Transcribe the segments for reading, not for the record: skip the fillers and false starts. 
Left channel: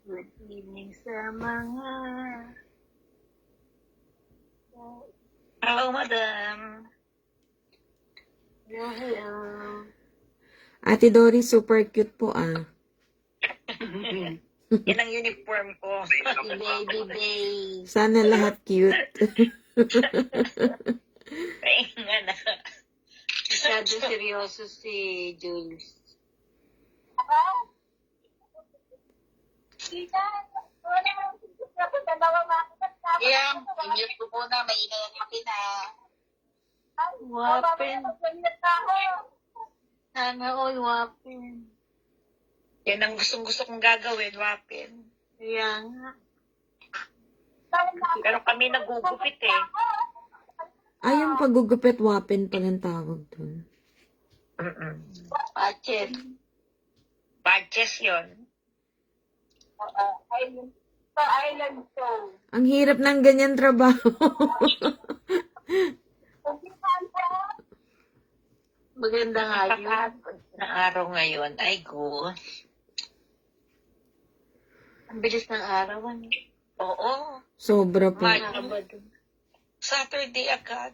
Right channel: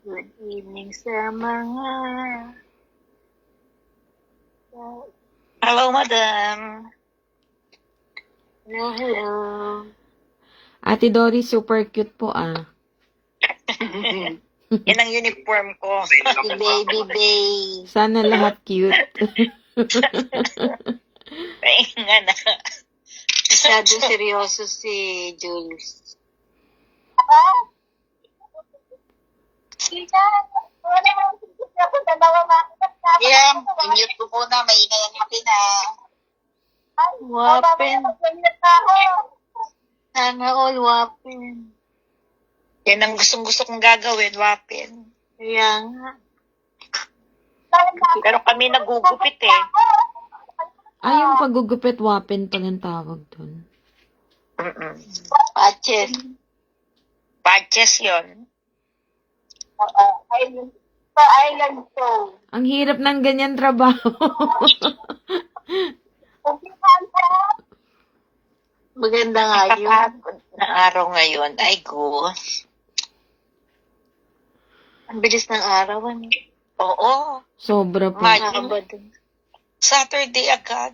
Good evening sa mga... Hello, madam. Hello. Ate Dory, super cute po ah. Yan ang uniform ko. Si Baby Bay. Sana lahat cute. Ay, nga na. Masyado seryoso si Jules. Yeah, i-mute ko muna. Maingay ang makina. Wapin. Sana all wapin. Yan ang gustong-gusto kong gagawin, wapin. Kaya nga. Pero kami nagugupit eh. Ay, yung pagugupit wapin pa ng tawag dun. Patches. Patches yun. Island Stone. Ang hirap ng ganyan trabaho. Maganda nga yun. Na araw ngayon. Ay, go. Ang bilis ng araw. Oo. Sobra po. Saturday agad.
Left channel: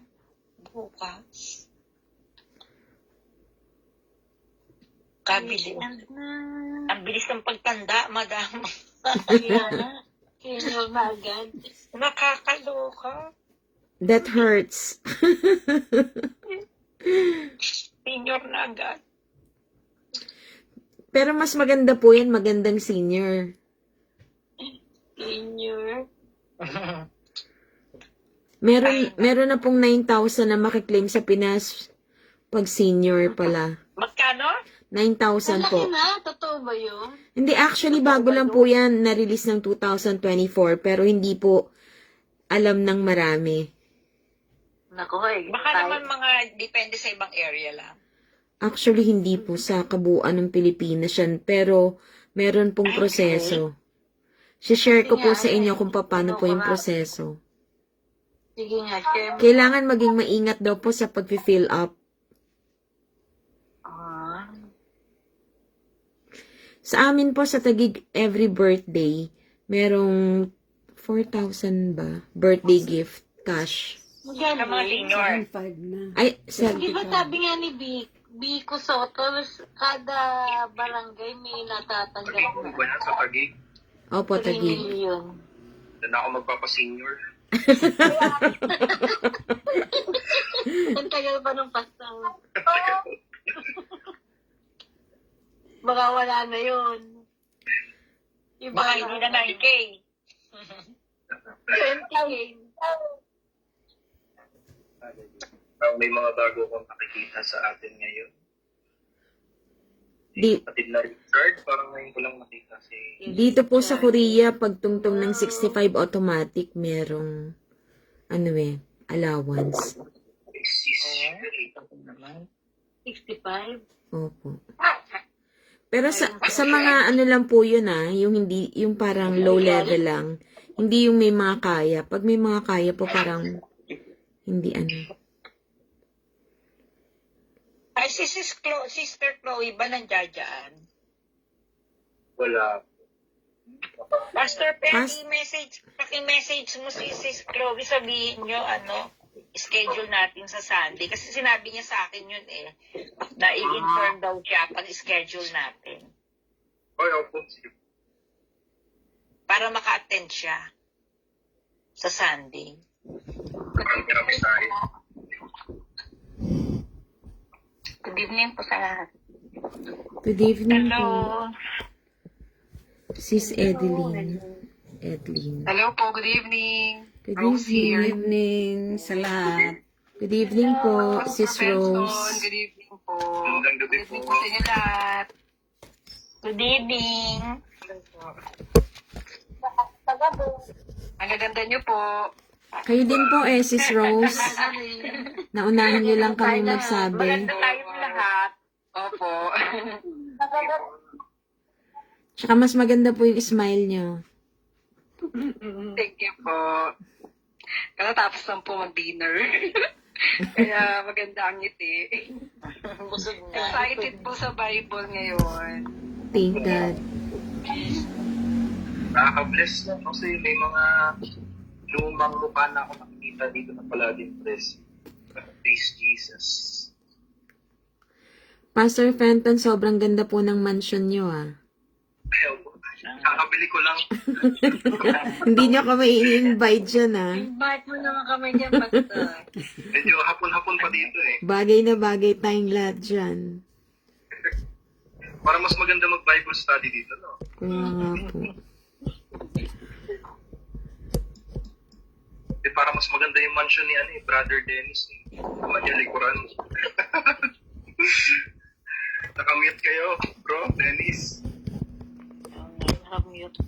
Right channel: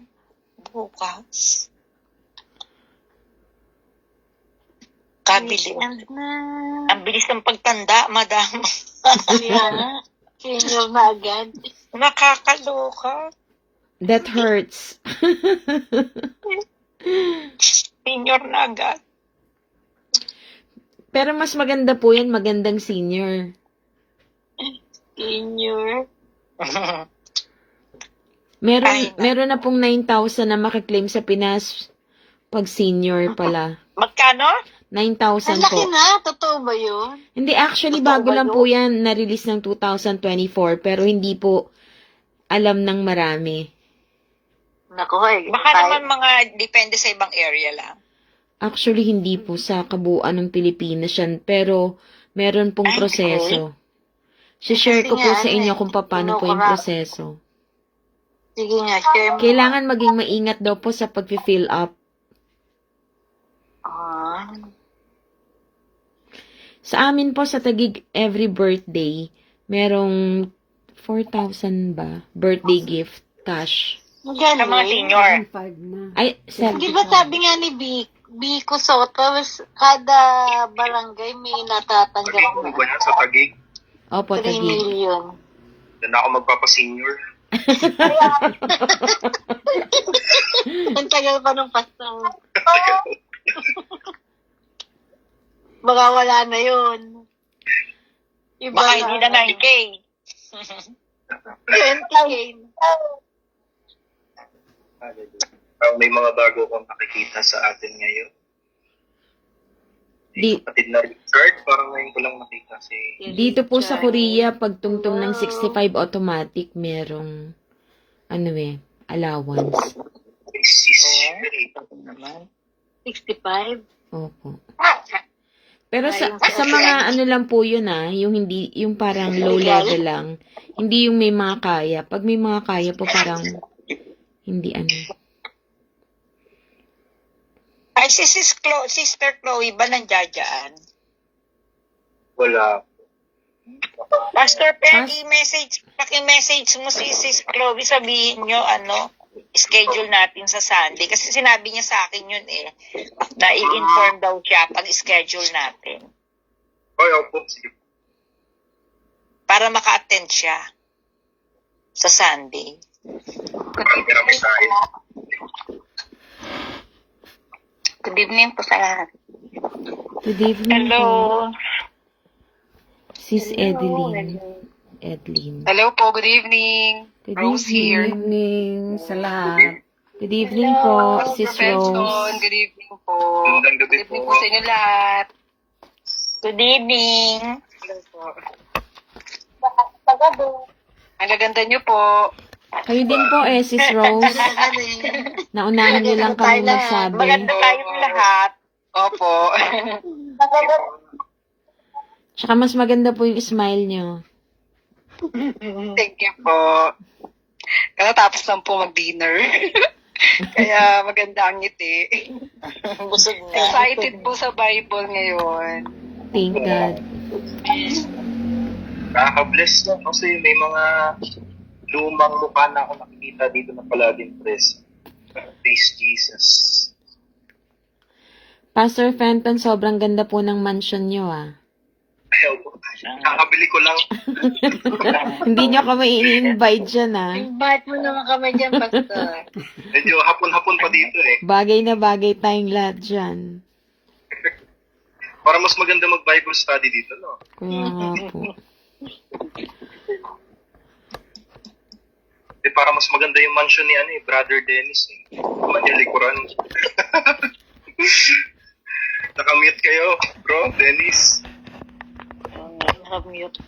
Bukas. Kabilis. Ang bilis ng pagtanda, madam. Senior na agad. Nakakaloka. That hurts. Senior na agad. Pero mas maganda po yan, magandang senior. Senior. Meron na pong 9,000 na makiklaim sa Pinas pag senior pala. Magkano? 9,000 po. Laki na. Totoo ba yun? Hindi, actually, bago lang po yan na-release ng 2024, pero hindi po alam ng marami. Naku, baka naman mga depende sa ibang area lang. Actually, hindi po sa kabuuan ng Pilipinas yan, pero meron pong proseso. Share ko po sa inyo kung paano po yung proseso. Sige nga, share mo. Kailangan maging maingat daw po sa pag-fill up. Sa amin po sa Taguig, every birthday, merong 4,000 ba? Birthday gift, cash. Maganda. Sa mga senior. Ay, Di ba sabi nga ni Biko Soto, kada barangay may natatanggap Taguig po ba yan sa Taguig? Opo, 3 Taguig. million. Doon ako magpapa-senior. Ang tagal pa nung pasto. Baka wala na yun. Baka hindi na 9K. 20K. May mga bago akong nakikita sa atin ngayon. Kapatid na Richard, parang ngayon ko lang nakita si... Dito po sa Korea, pag tungtong ng 65 automatic, merong, allowance. 65? Opo. Pero sa mga lang po yun yung parang low level lang. Hindi yung may mga kaya. Pag may mga kaya po parang hindi Ay, si Sister Chloe ba nandiyan? Wala. Pastor Peggy, paki-message mo si Sis Chloe, sabihin nyo, schedule natin sa Sunday. Kasi sinabi niya sa akin yun na i-inform daw siya pag schedule natin. Oy, opo, sige. Para maka-attend siya sa Sunday. Marami tayo. Good evening po sa lahat. Good evening Hello. po. Sis Edeline. Hello po, good evening. Good Rose here. evening sa lahat. Good evening po, Sis Rose. Good evening po. Magandang Good gabi evening po. po sa inyo lahat. Good evening. Hello po. Ang gaganda niyo po. Kayo din po Sis Rose. Naunahan niyo lang kami magsabi. Maganda tayong lahat. Opo. Tsaka mas maganda po yung smile niyo. Thank you po. Tapos lang po mag-dinner. Kaya maganda ang ngiti. Busog na. Excited po sa Bible ngayon. Thank God. Nakaka-bless no? Kasi may mga lumang mukha na ako nakikita dito na palaging present. Praise Jesus. Pastor Fenton, sobrang ganda po ng mansion nyo, ah. Ayaw ko. Kakabili ko lang. Hindi nyo kami ini-invite dyan, ah. Invite mo naman kami dyan, Pastor. Medyo hapon-hapon pa dito eh. Bagay na bagay tayong lahat dyan. Para mas maganda mag-Bible study dito, no? Kaya nga po. Para mas maganda yung mansion ni Brother Dennis. Manilikuran. Nakamute kayo, bro, Dennis. Nakamute.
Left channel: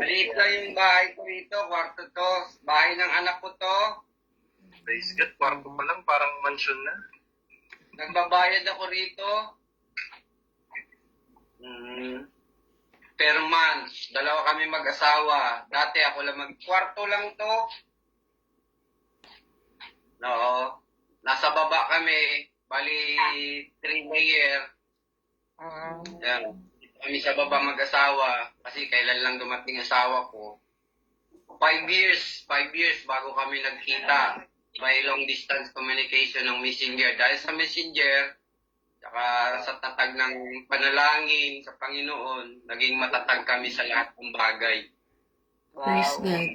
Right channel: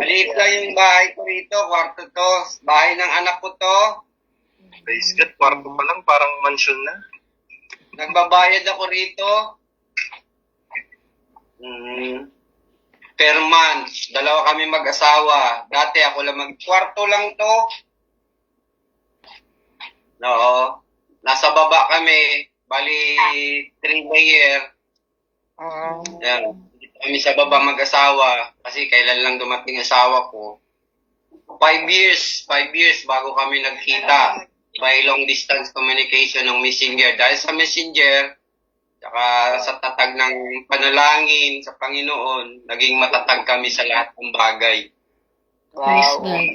Maliit lang yung bahay ko rito, kwarto to. Bahay ng anak ko to. Praise God, kwarto pa lang, parang mansion na. Nagbabayad ako rito. Per month, dalawa kami mag-asawa. Dati ako lang kwarto lang to. Oo. Nasa baba kami, bali 3 layer. Yan. Dito kami sa baba mag-asawa kasi kailan lang dumating asawa ko. 5 years bago kami nagkita by long distance communication ng Messenger. Dahil sa Messenger, saka sa tatag ng panalangin sa Panginoon, naging matatag kami sa lahat ng bagay. Praise God.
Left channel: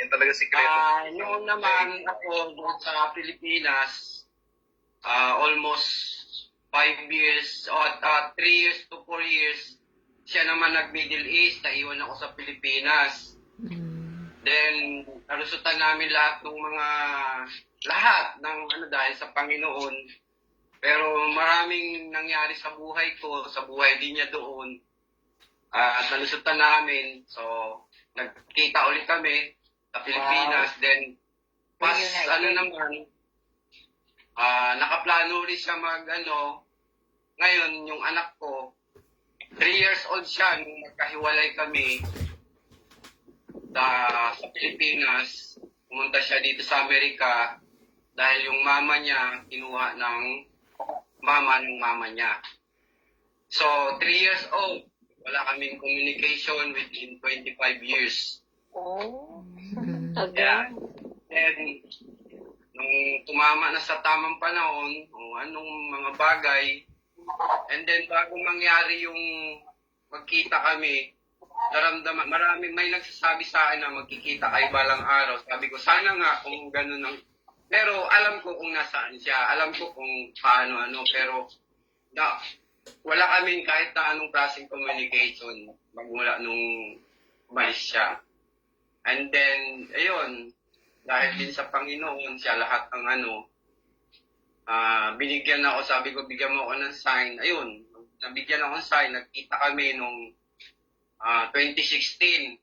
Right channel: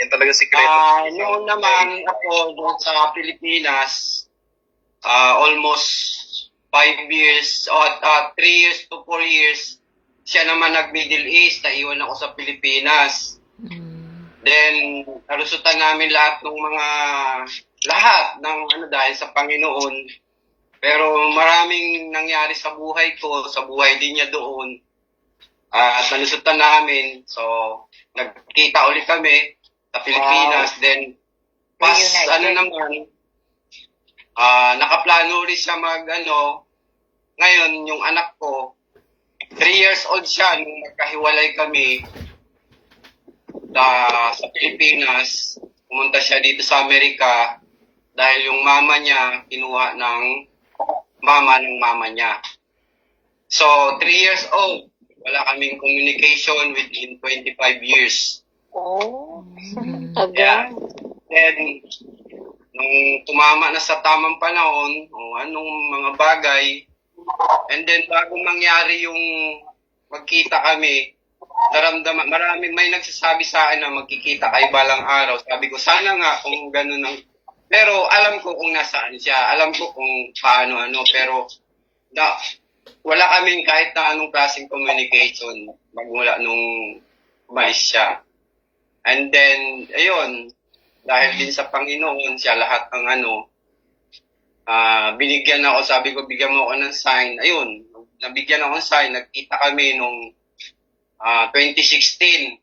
Yan talaga sikreto. Noon naman ako doon sa Pilipinas, almost 5 years, 3 years to 4 years, siya naman nag-Middle East, naiwan ako sa Pilipinas. Then, nalusutan namin lahat ng dahil sa Panginoon. Pero maraming nangyari sa buhay ko, sa buhay din niya doon. At nalusutan namin, so nagkita ulit kami sa Pilipinas. Then, nakaplano ulit siya ngayon, yung anak ko, 3 years old siya nung magkahiwalay kami sa Pilipinas. Pumunta siya dito sa Amerika dahil yung mama niya kinuha ng mama niya. So, 3 years old, wala kaming communication within 25 years. Oh. Yeah. Then, nung tumama na sa tamang panahon, anong mga bagay, and then bago mangyari yung magkita kami, naramdaman, may nagsasabi sa akin na magkikita kayo balang araw. Sabi ko, sana nga kung gano'n pero alam ko kung nasaan siya, alam ko kung paano, pero wala kaming kahit na anong klaseng communication magmula nung umalis siya. And then, ayun, dahil din sa Panginoon, siya lahat ng binigyan ako, sabi ko, bigyan mo ako ng sign. Ayun, nabigyan ako ng sign, nagkita kami nung 2016.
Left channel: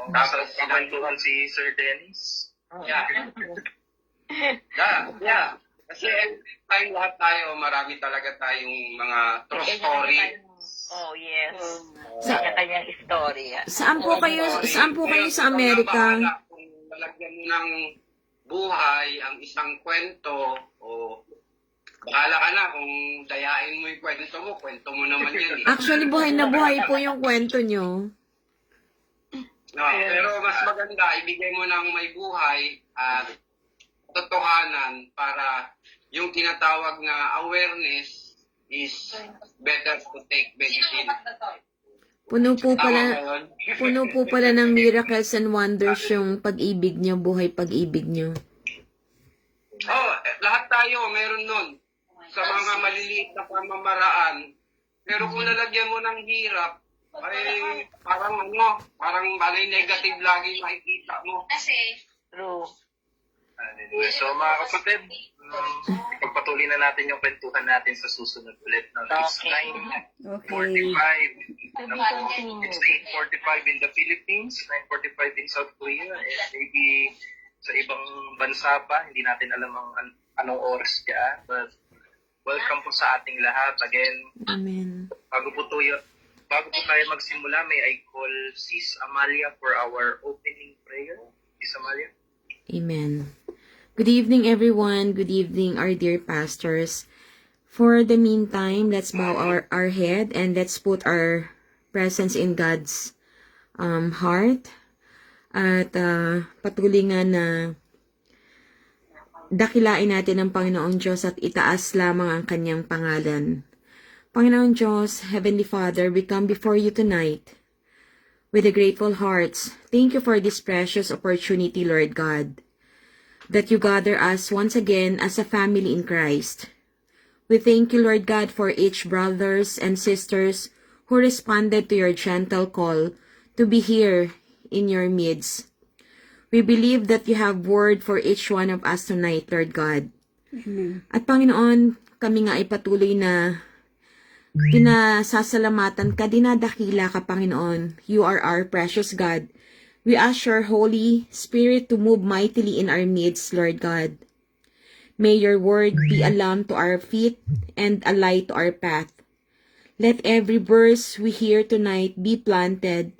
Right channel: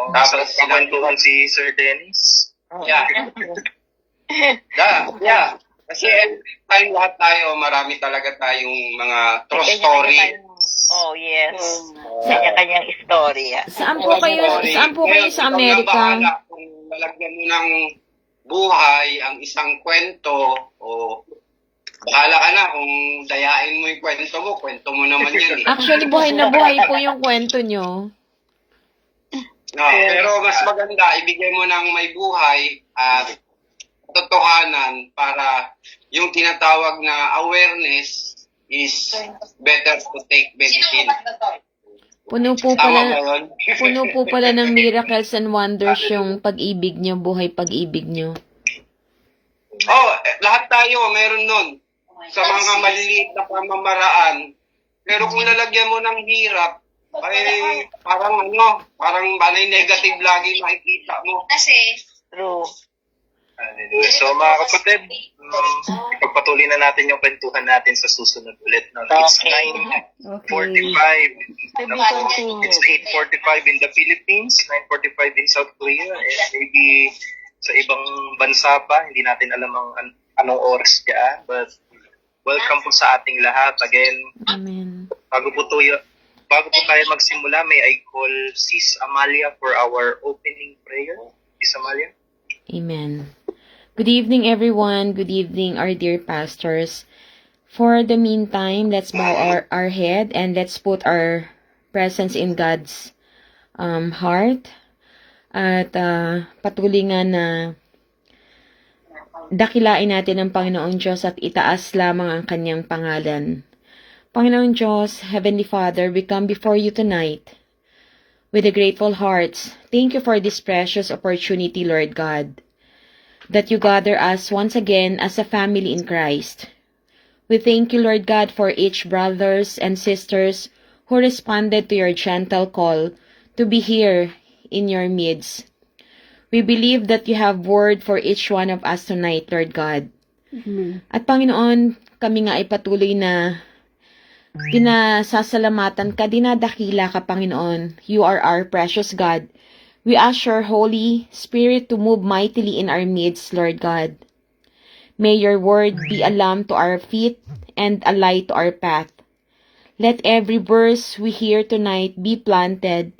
Tapos kamantuhan si Sir Dennis. Yeah. Yeah. Kasi time lahat tayo, marami talaga tayong mga true story. Oh, yes. Kanya-kanyang istorya. Saan po kayo sa Amerika? Kung lalagyan mo ng buhay ang isang kwento, bahala ka na kung dayain mo yung kwento mo naman yan. Actually, buhay na buhay po yung kwento nyo. Pero mas maganda, ibigay mo ng may buhay at totohanan para yung tinatawag na awareness is better to take medicine. Puno po pala ng miracles and wonders yung pag-ibig nyo, buhay pag-ibig nyo. Lahat tayo meron nun sa mga maliliit na pamamaraan. Pero kung lalagyan mo ng hirap, ay parang negative lagi makikita mo. True. So mga kapatid, ipagpatuloy na natin yung kwentuhan natin sa susunod ulit. It's 9:45. It's 8:45 in the Philippines, 9:45 in South Korea, and maybe sa ibang bansa pa, hindi natin alam anong oras dyan. But welcome po sa ating lahat. Again, Amen. Bago po tayo magsimula, may I call Sis Amalia for our opening prayer. Sis Amalia? Amen. Good evening, everyone. Good evening, our dear pastors. For the meantime, let's bow our head and let's put our presence in God's heart. At patuloy nga na dakilain natin ang Panginoong Diyos at itaas lamang ang kanyang pangalan. Panginoong Diyos, Heavenly Father, we come before you tonight with a grateful hearts. Thank you for this precious opportunity, Lord God, that you gather us once again as a family in Christ. We thank you, Lord God, for each brothers and sisters who responded to your gentle call to be here in your midst. We believe that you have word for each one of us tonight, Lord God. At Panginoon, kami nga ay patuloy na pinasasalamatan ka, dinadakila ka, Panginoon. You are our precious God. We ask your Holy Spirit to move mightily in our midst, Lord God. May your word be a lamp to our feet and a light to our path. Let every verse we hear tonight be planted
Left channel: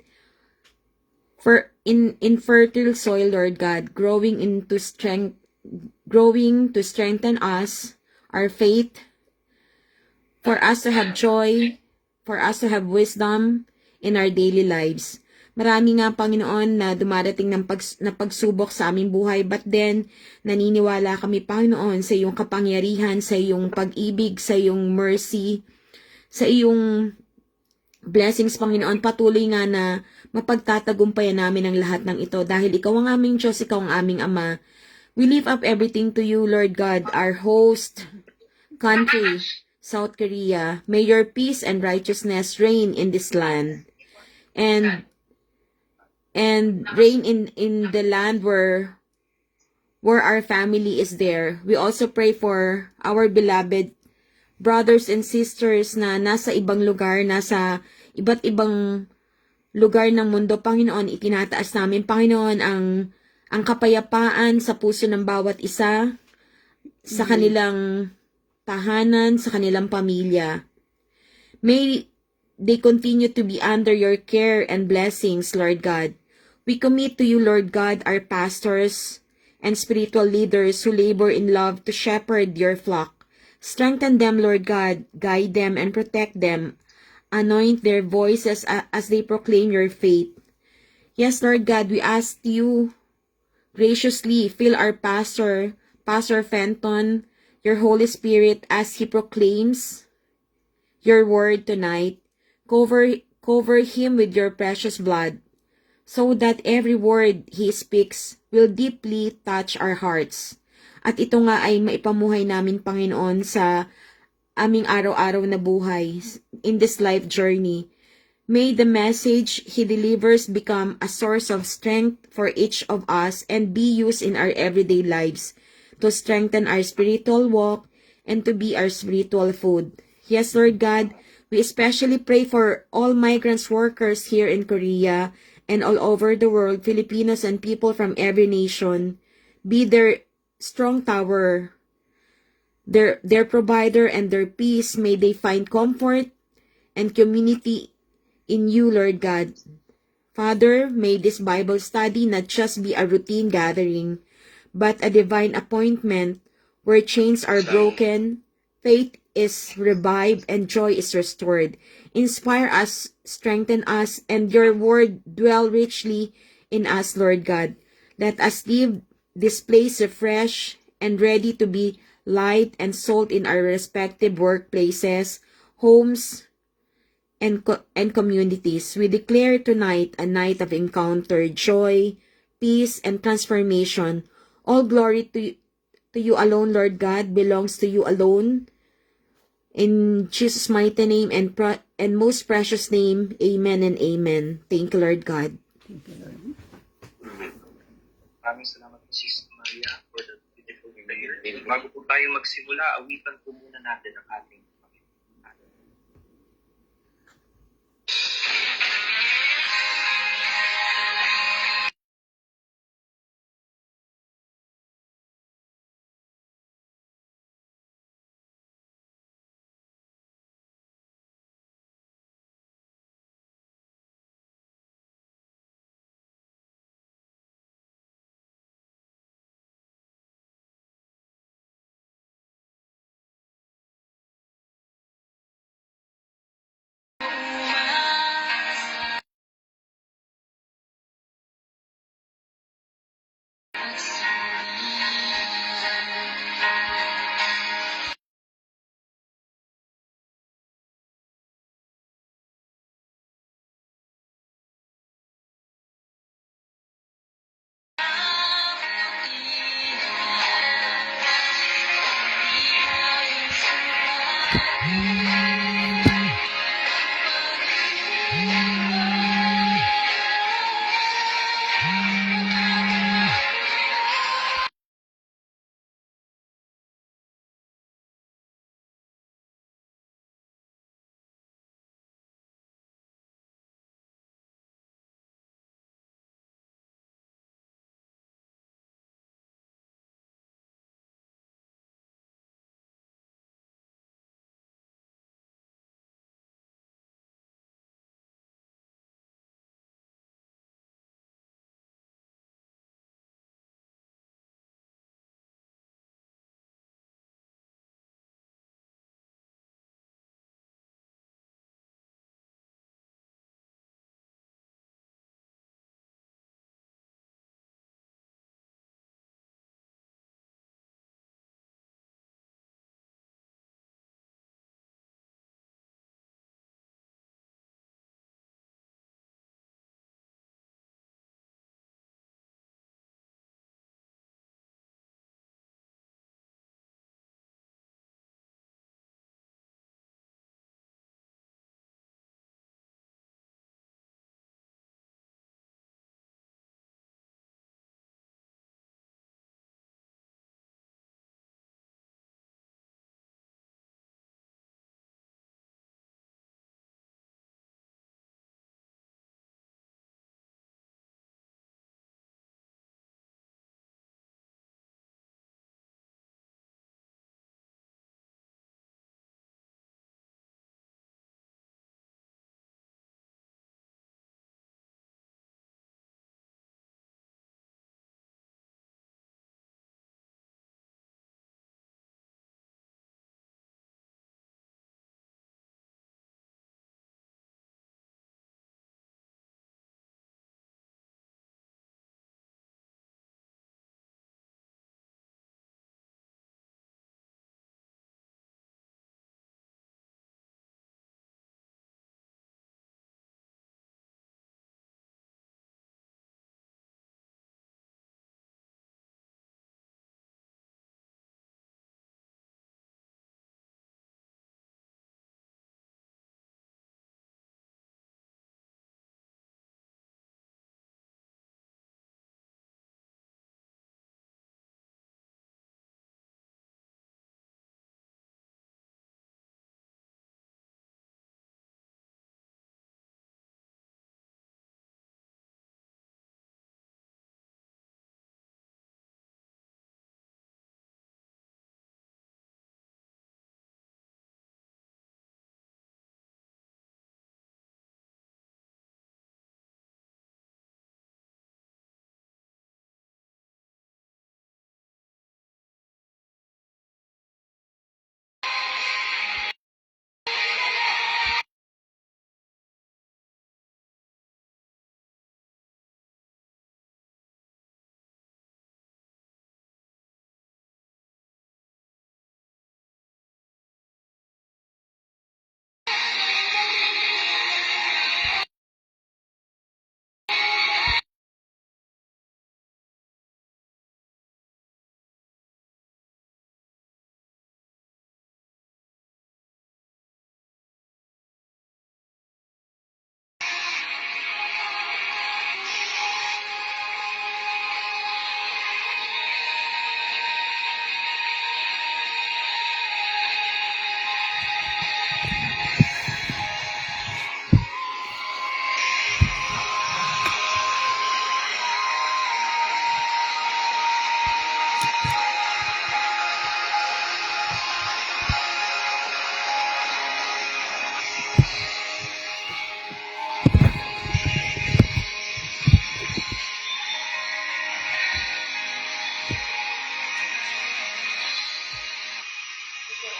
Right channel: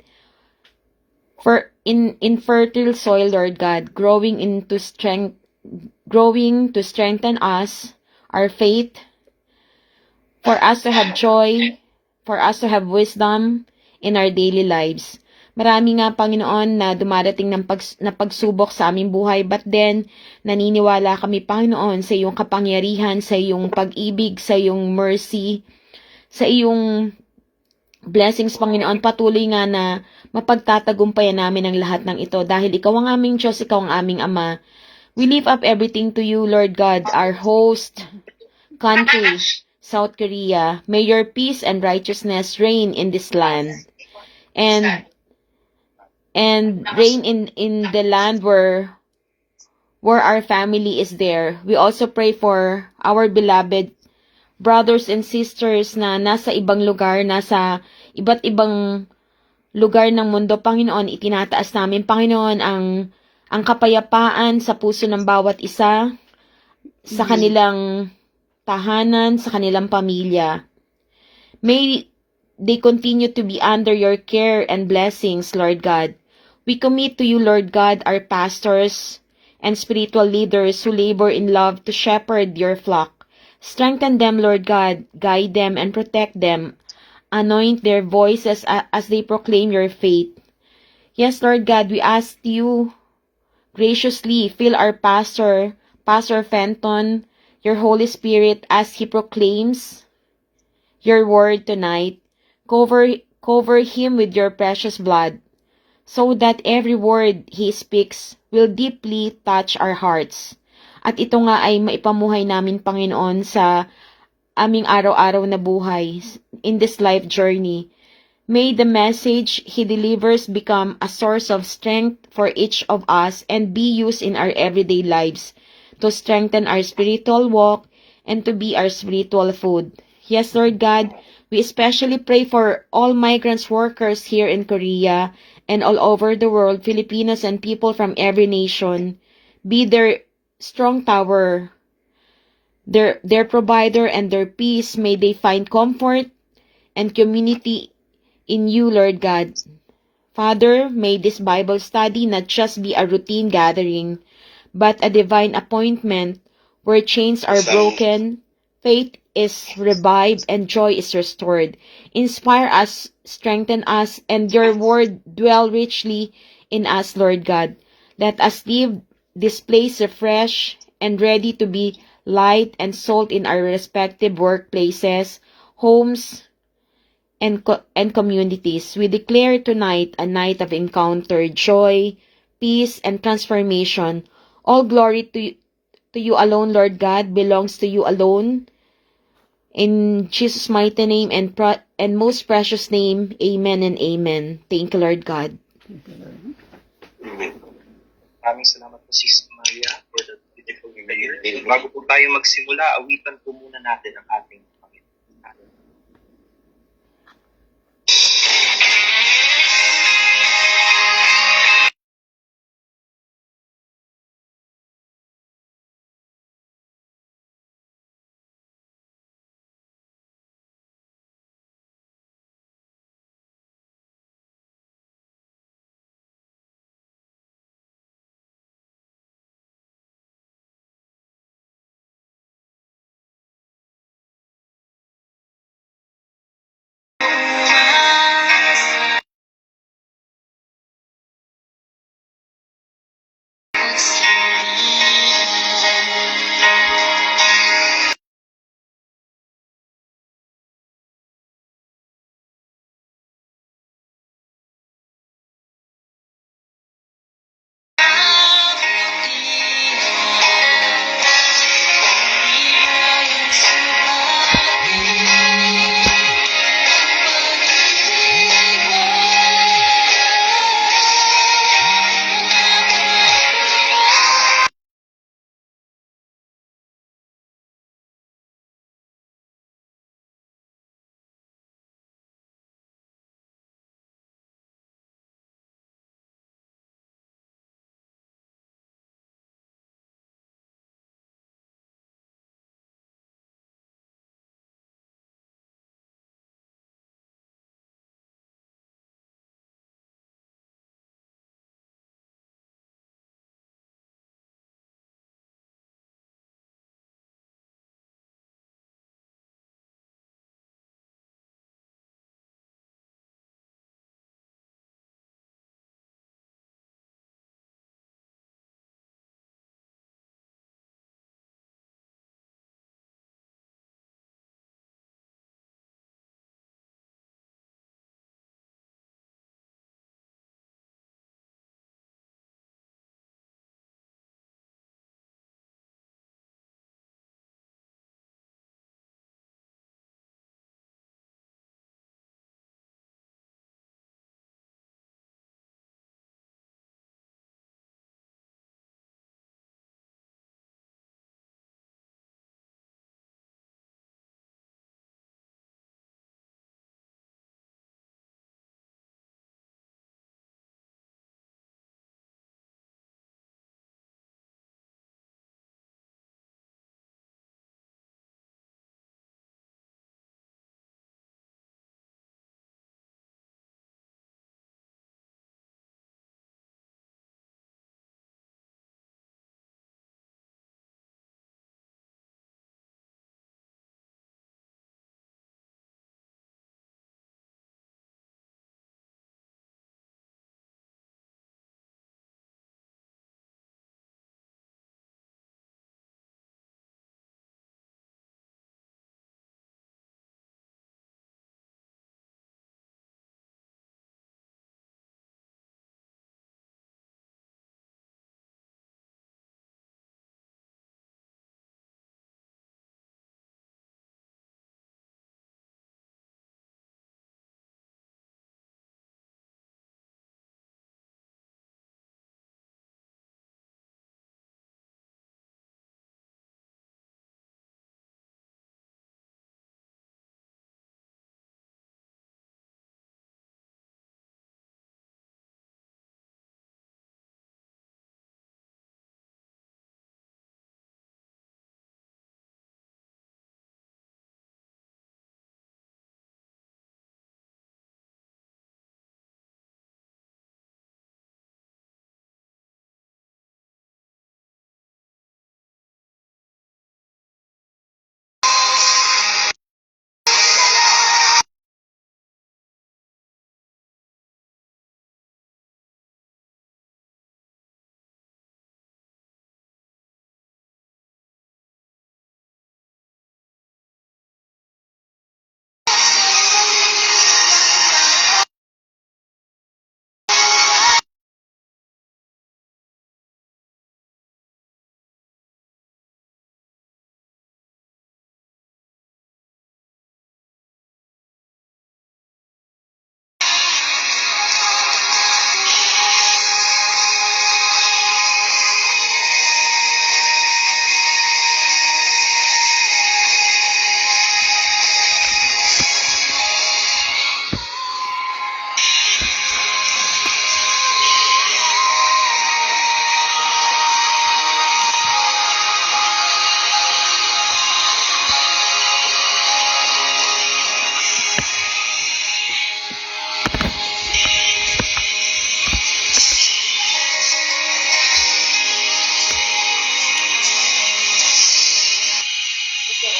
in fertile soil, Lord God, growing to strengthen us, our faith, for us to have joy, for us to have wisdom in our daily lives. Marami nga, Panginoon, na dumarating na pagsubok sa aming buhay, but then, naniniwala kami, Panginoon, sa iyong kapangyarihan, sa iyong pag-ibig, sa iyong mercy, sa iyong blessings, Panginoon. Patuloy nga na mapagtatagumpayan namin ang lahat ng ito dahil ikaw ang aming Diyos, ikaw ang aming Ama. We lift up everything to you, Lord God, our host country, South Korea. May your peace and righteousness reign in this land. And reign in the land where our family is there. We also pray for our beloved brothers and sisters na nasa ibang lugar, nasa iba't ibang lugar ng mundo. Panginoon, itinataas namin, Panginoon, ang kapayapaan sa puso ng bawat isa, sa kanilang tahanan, sa kanilang pamilya. May they continue to be under your care and blessings, Lord God. We commit to you, Lord God, our pastors and spiritual leaders who labor in love to shepherd your flock. Strengthen them, Lord God, guide them and protect them. Anoint their voices as they proclaim your faith. Yes, Lord God, we ask you graciously fill our Pastor Fenton, your Holy Spirit as he proclaims your word tonight. Cover him with your precious blood, so that every word he speaks will deeply touch our hearts. At ito nga ay maipamuhay namin, Panginoon, sa aming araw-araw na buhay in this life journey. May the message he delivers become a source of strength for each of us and be used in our everyday lives to strengthen our spiritual walk and to be our spiritual food. Yes, Lord God, we especially pray for all migrants workers here in Korea and all over the world, Filipinos and people from every nation. Be their strong tower, their provider and their peace. May they find comfort and community in you, Lord God. Father, may this Bible study not just be a routine gathering, but a divine appointment where chains are broken, faith is revived, and joy is restored. Inspire us, strengthen us, and your word dwell richly in us, Lord God. Let us leave this place refreshed and ready to be light and salt in our respective workplaces, homes, and communities. We declare tonight a night of encounter, joy, peace, and transformation. All glory to you alone, Lord God, belongs to you alone. In Jesus' mighty name and most precious name, amen and amen. Thank you, Lord God. Maraming salamat po, Sis Maria, for that beautiful prayer. Bago po tayo magsimula, awitan po muna natin ang ating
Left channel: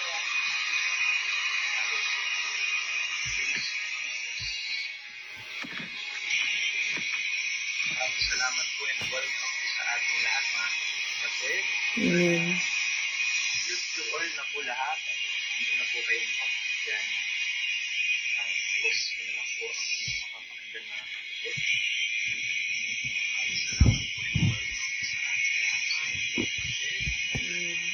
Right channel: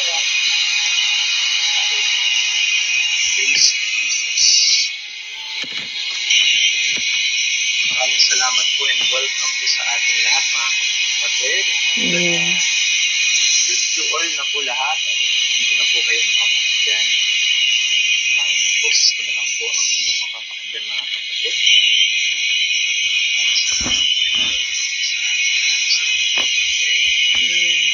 Praise Jesus. Maraming salamat po and welcome po sa ating lahat mga kapatid. Amen. Wish you all na po lahat. Hindi ko na po kayo makapakinggan. Ang boses ko na lang po ang inyong makapakinggan mga kapatid. Maraming salamat po and welcome po sa ating lahat sa kapatid.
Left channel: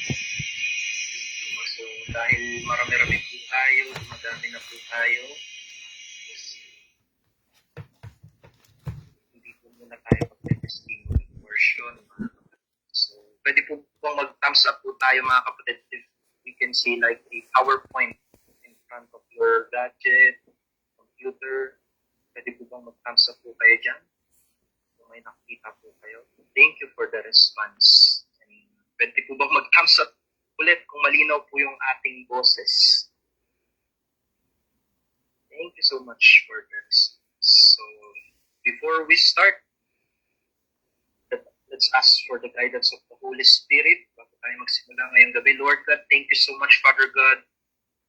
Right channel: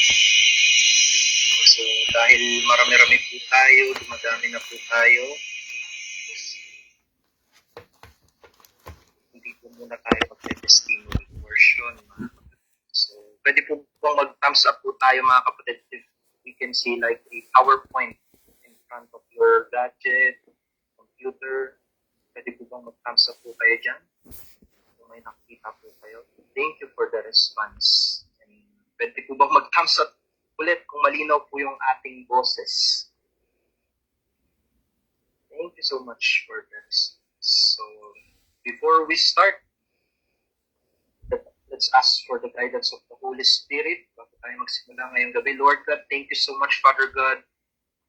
So dahil marami-rami po tayo, dumadami na po tayo, hindi po muna tayo mag-testimony portion. So, pwede po bang mag-thumbs up po tayo mga kapatid if you can see like a PowerPoint in front of your gadget, computer. Pwede po bang mag-thumbs up po kayo dyan? Kung may nakikita po kayo. Thank you for the response. And pwede po bang mag-thumbs up ulit kung malinaw po yung ating boses? Thank you so much for the response. So, before we start, let's ask for the guidance of the Holy Spirit bago tayo magsimula ngayong gabi. Lord God, thank you so much, Father God,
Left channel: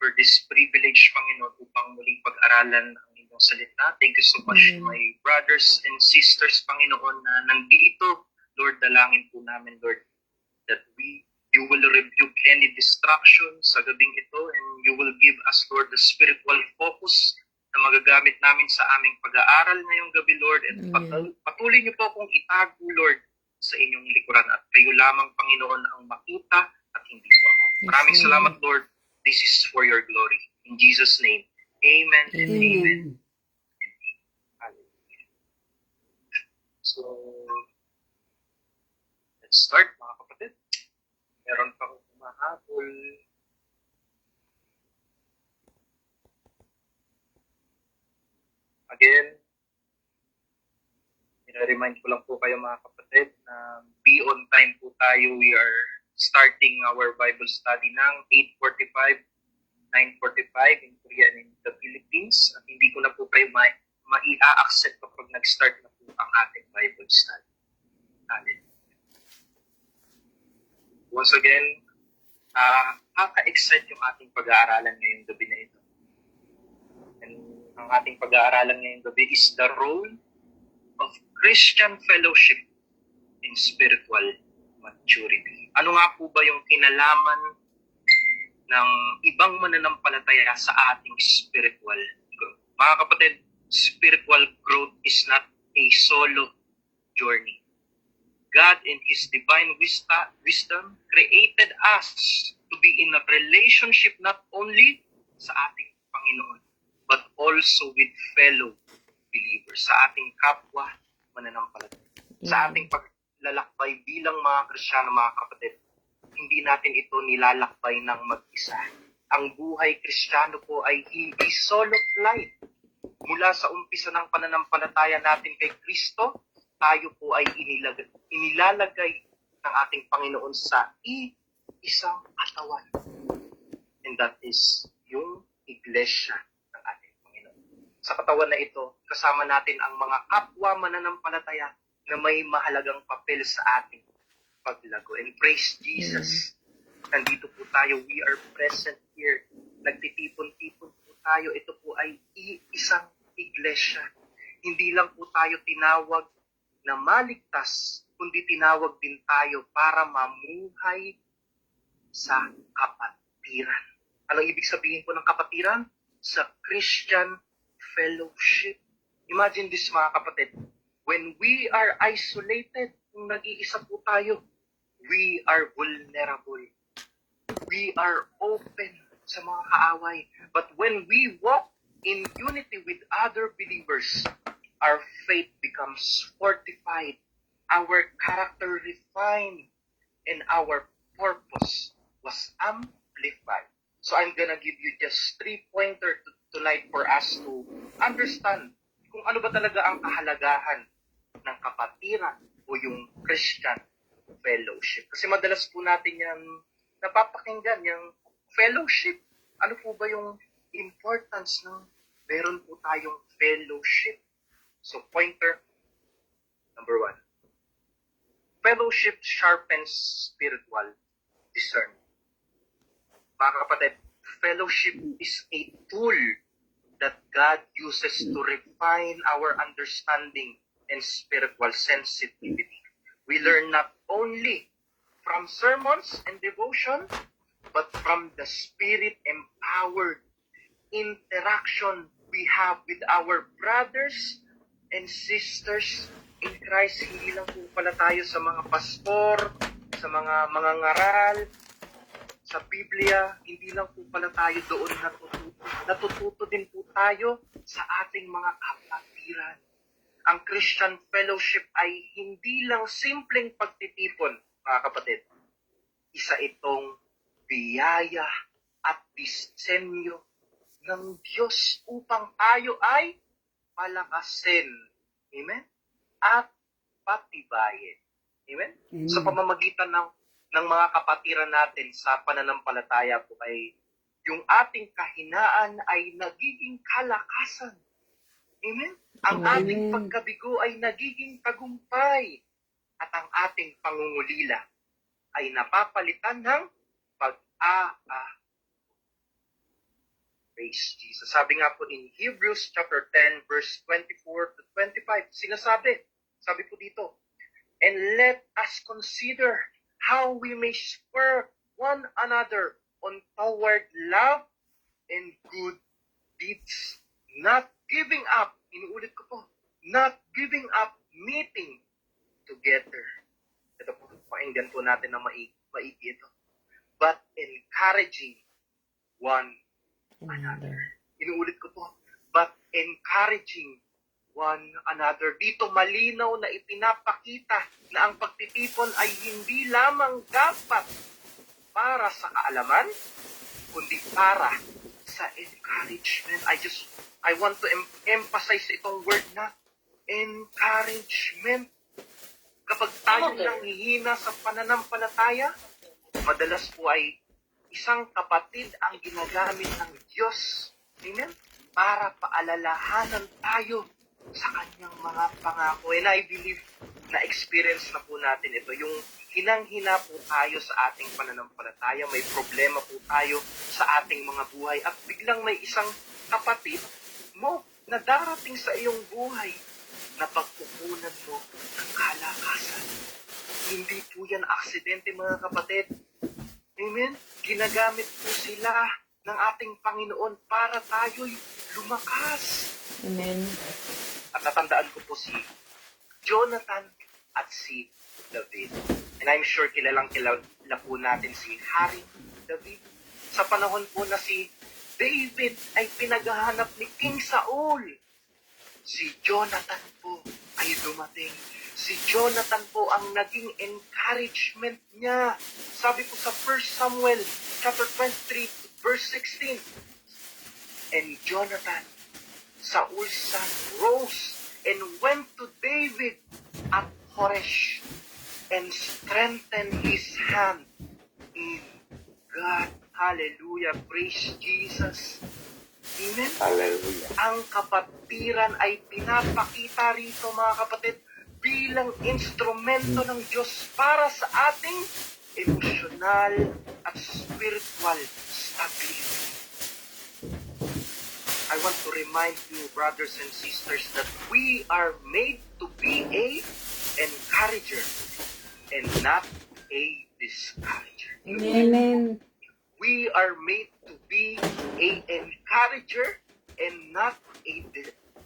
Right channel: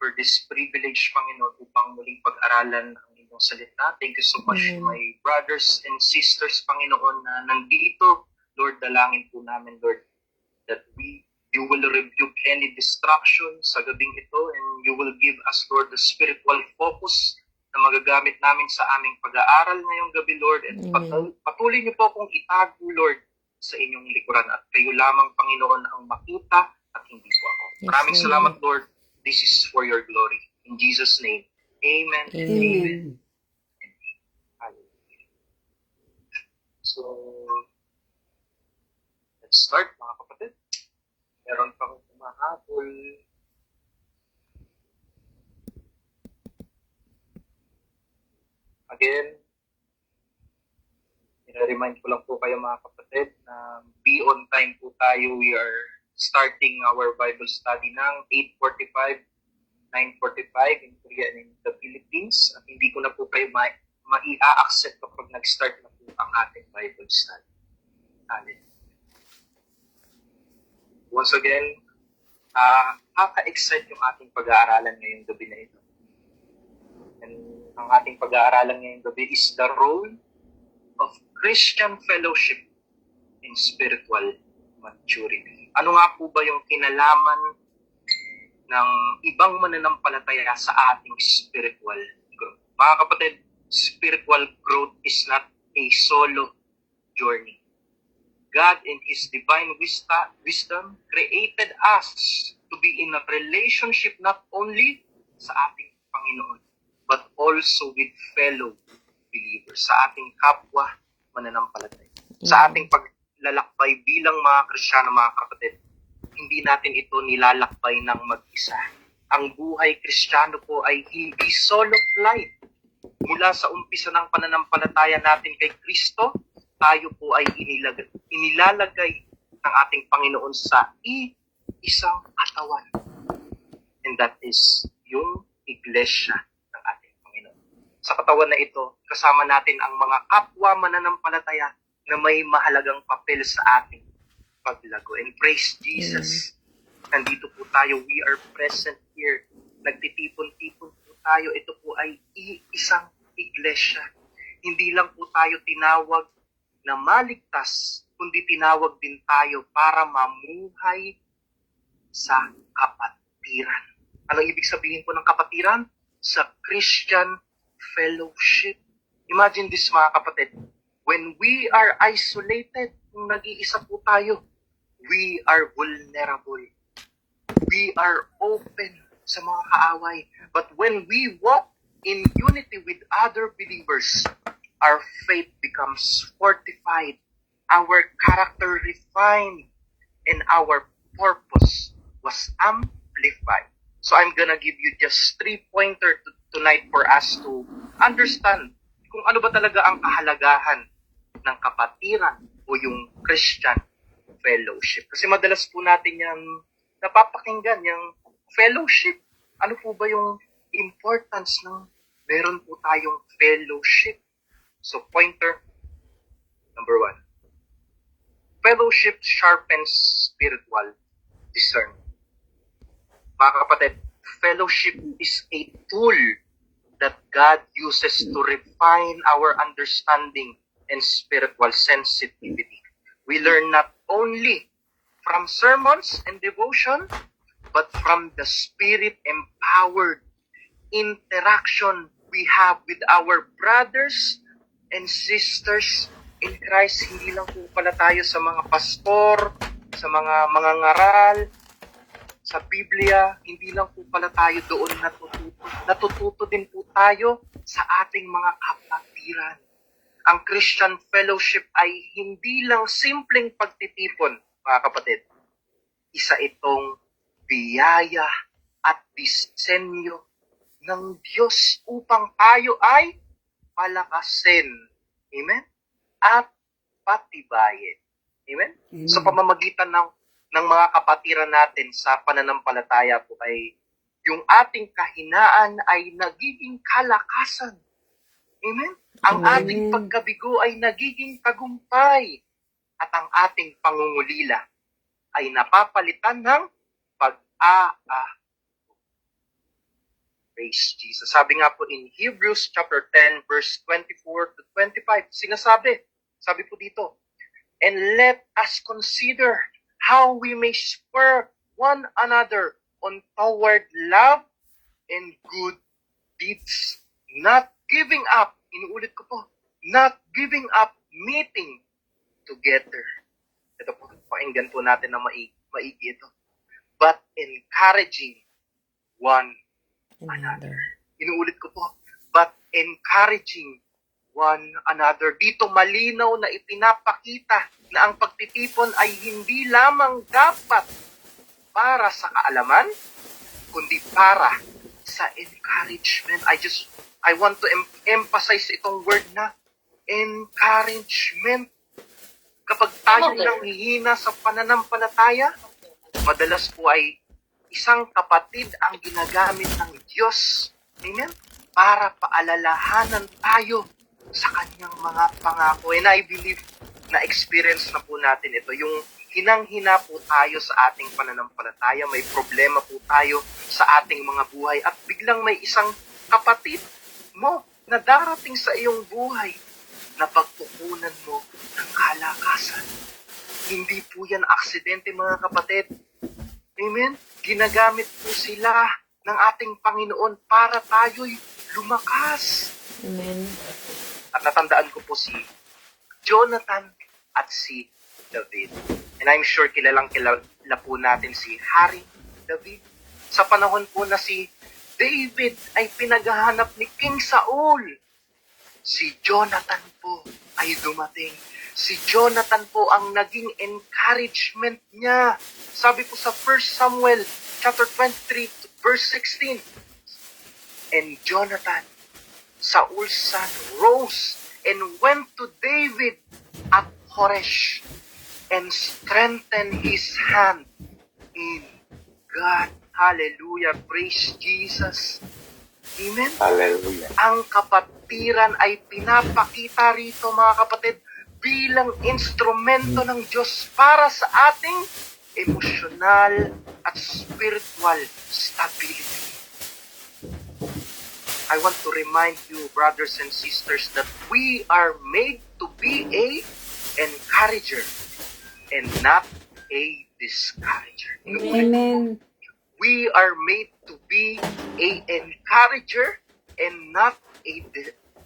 for this privilege, Panginoon, upang muling pag-aralan ang inyong salita. Thank you so much, my brothers and sisters, Panginoon, na nandito. Lord, dalangin po namin, Lord, that you will rebuke any distraction sa gabing ito and you will give us, Lord, the spiritual focus na magagamit namin sa aming pag-aaral ngayong gabi, Lord. And patuloy niyo po akong itago, Lord, sa inyong likuran at kayo lamang, Panginoon, ang makita at hindi po ako. Maraming salamat, Lord. This is for your glory. In Jesus' name, amen and amen. Hallelujah. So, let's start, mga kapatid. Meron pang humahabol. Again, i-remind ko lang po kayo mga kapatid na be on time po tayo. We are starting our Bible study ng 8:45, 9:45 in Korea and in the Philippines. At hindi ko na po kayo mai-accept kapag nag-start na po ang ating Bible study. Hallelujah. Once again, kaka-excite yung ating pag-aaralan ngayong gabi na ito. And ang ating pag-aaralan ngayong gabi is the role of Christian fellowship in spiritual maturity. Ano nga po ba yung kinalaman ng ibang mananampalataya sa ating spiritual growth? Mga kapatid, spiritual growth is not a solo journey. God in His divine wisdom created us to be in a relationship not only sa ating Panginoon, but also with fellow believers, sa ating kapwa mananampalataya. Sa ating paglalakbay bilang mga Kristiyano, mga kapatid, hindi natin ito nilalakbay ng mag-isa. Ang buhay Kristiyano po ay hindi solo flight. Mula sa umpisa ng pananampalataya natin kay Kristo, tayo po ay inilalagay ng ating Panginoon sa isang katawan. And that is yung iglesia ng ating Panginoon. Sa katawan na ito, kasama natin ang mga kapwa mananampalataya na may mahalagang papel sa ating paglago. And praise Jesus, nandito po tayo, we are present here. Nagtitipon-tipon po tayo. Ito po ay isang iglesia. Hindi lang po tayo tinawag na maligtas, kundi tinawag din tayo para mamuhay sa kapatiran. Anong ibig sabihin po ng kapatiran? Sa Christian fellowship. Imagine this, mga kapatid. When we are isolated, kung nag-iisa po tayo, we are vulnerable. We are open sa mga kaaway. But when we walk in unity with other believers, our faith becomes fortified, our character refined, and our purpose was amplified. So I'm gonna give you just 3 pointers tonight for us to understand kung ano ba talaga ang kahalagahan ng kapatiran o yung Christian fellowship. Kasi madalas po natin yan napapakinggan, yung fellowship. Ano po ba yung importance ng meron po tayong fellowship? So, pointer number 1. Fellowship sharpens spiritual discernment. Mga kapatid, fellowship is a tool that God uses to refine our understanding and spiritual sensitivity. We learn not only from sermons and devotion, but from the Spirit-empowered interaction we have with our brothers and sisters in Christ. Hindi lang po pala tayo sa mga pastor, sa mga ngaral, sa Biblia, hindi lang po pala tayo doon natututo. Natututo din po tayo sa ating mga kapatiran. Ang Christian fellowship ay hindi lang simpleng pagtitipon, mga kapatid. Isa itong biyaya at disenyo ng Diyos upang tayo ay palakasin. Amen? At patibayin. Amen? Sa pamamagitan ng mga kapatiran natin sa pananampalataya po ay yung ating kahinaan ay nagiging kalakasan. Amen? Ang ating pagkabigo ay nagiging tagumpay. At ang ating pangungulila ay napapalitan ng pag-aa. Praise Jesus. Sabi nga po in Hebrews chapter 10 verse 24 to 25, sabi po dito, and let us consider how we may spur one another on toward love and good deeds, not giving up, inuulit ko po, not giving up meeting together. Ito po, pakinggan po natin na maigi ito. But encouraging one another. Inuulit ko po, but encouraging one another. Dito malinaw na ipinapakita na ang pagtitipon ay hindi lamang dapat para sa kaalaman, kundi para sa encouragement. I want to emphasize itong word na encouragement. Kapag tayo nanghihina sa pananampalataya, madalas po ay isang kapatid ang ginagamit ng Diyos, amen, para paalalahanan tayo sa kanyang mga pangako. And I believe na experience na po natin ito. Yung hinang-hina po tayo sa ating pananampalataya, may problema po tayo sa ating mga buhay, at biglang may isang kapatid mo na darating sa iyong buhay na pagpupunan mo ng kalakasan. Hindi po yan aksidente, mga kapatid. Amen? Ginagamit po sila ng ating Panginoon para tayo'y lumakas. Amen. At natandaan ko po si Jonathan at si David. And I'm sure kilala po natin si Hari David. Sa panahon po na si David ay pinaghahanap ni King Saul, si Jonathan po ay dumating. Si Jonathan po ang naging encouragement niya. Sabi po sa 1 Samuel chapter 23 verse 16. And Jonathan, Saul's son, rose and went to David at Horesh and strengthened his hand in God. Hallelujah. Praise Jesus. Amen. Hallelujah. Ang kapatiran ay pinapakita rito, mga kapatid, bilang instrumento ng Diyos para sa ating emosyonal at spiritual stability. I want to remind you, brothers and sisters, that we are made to be a encourager and not a discourager. Amen. We are made to be a encourager and not a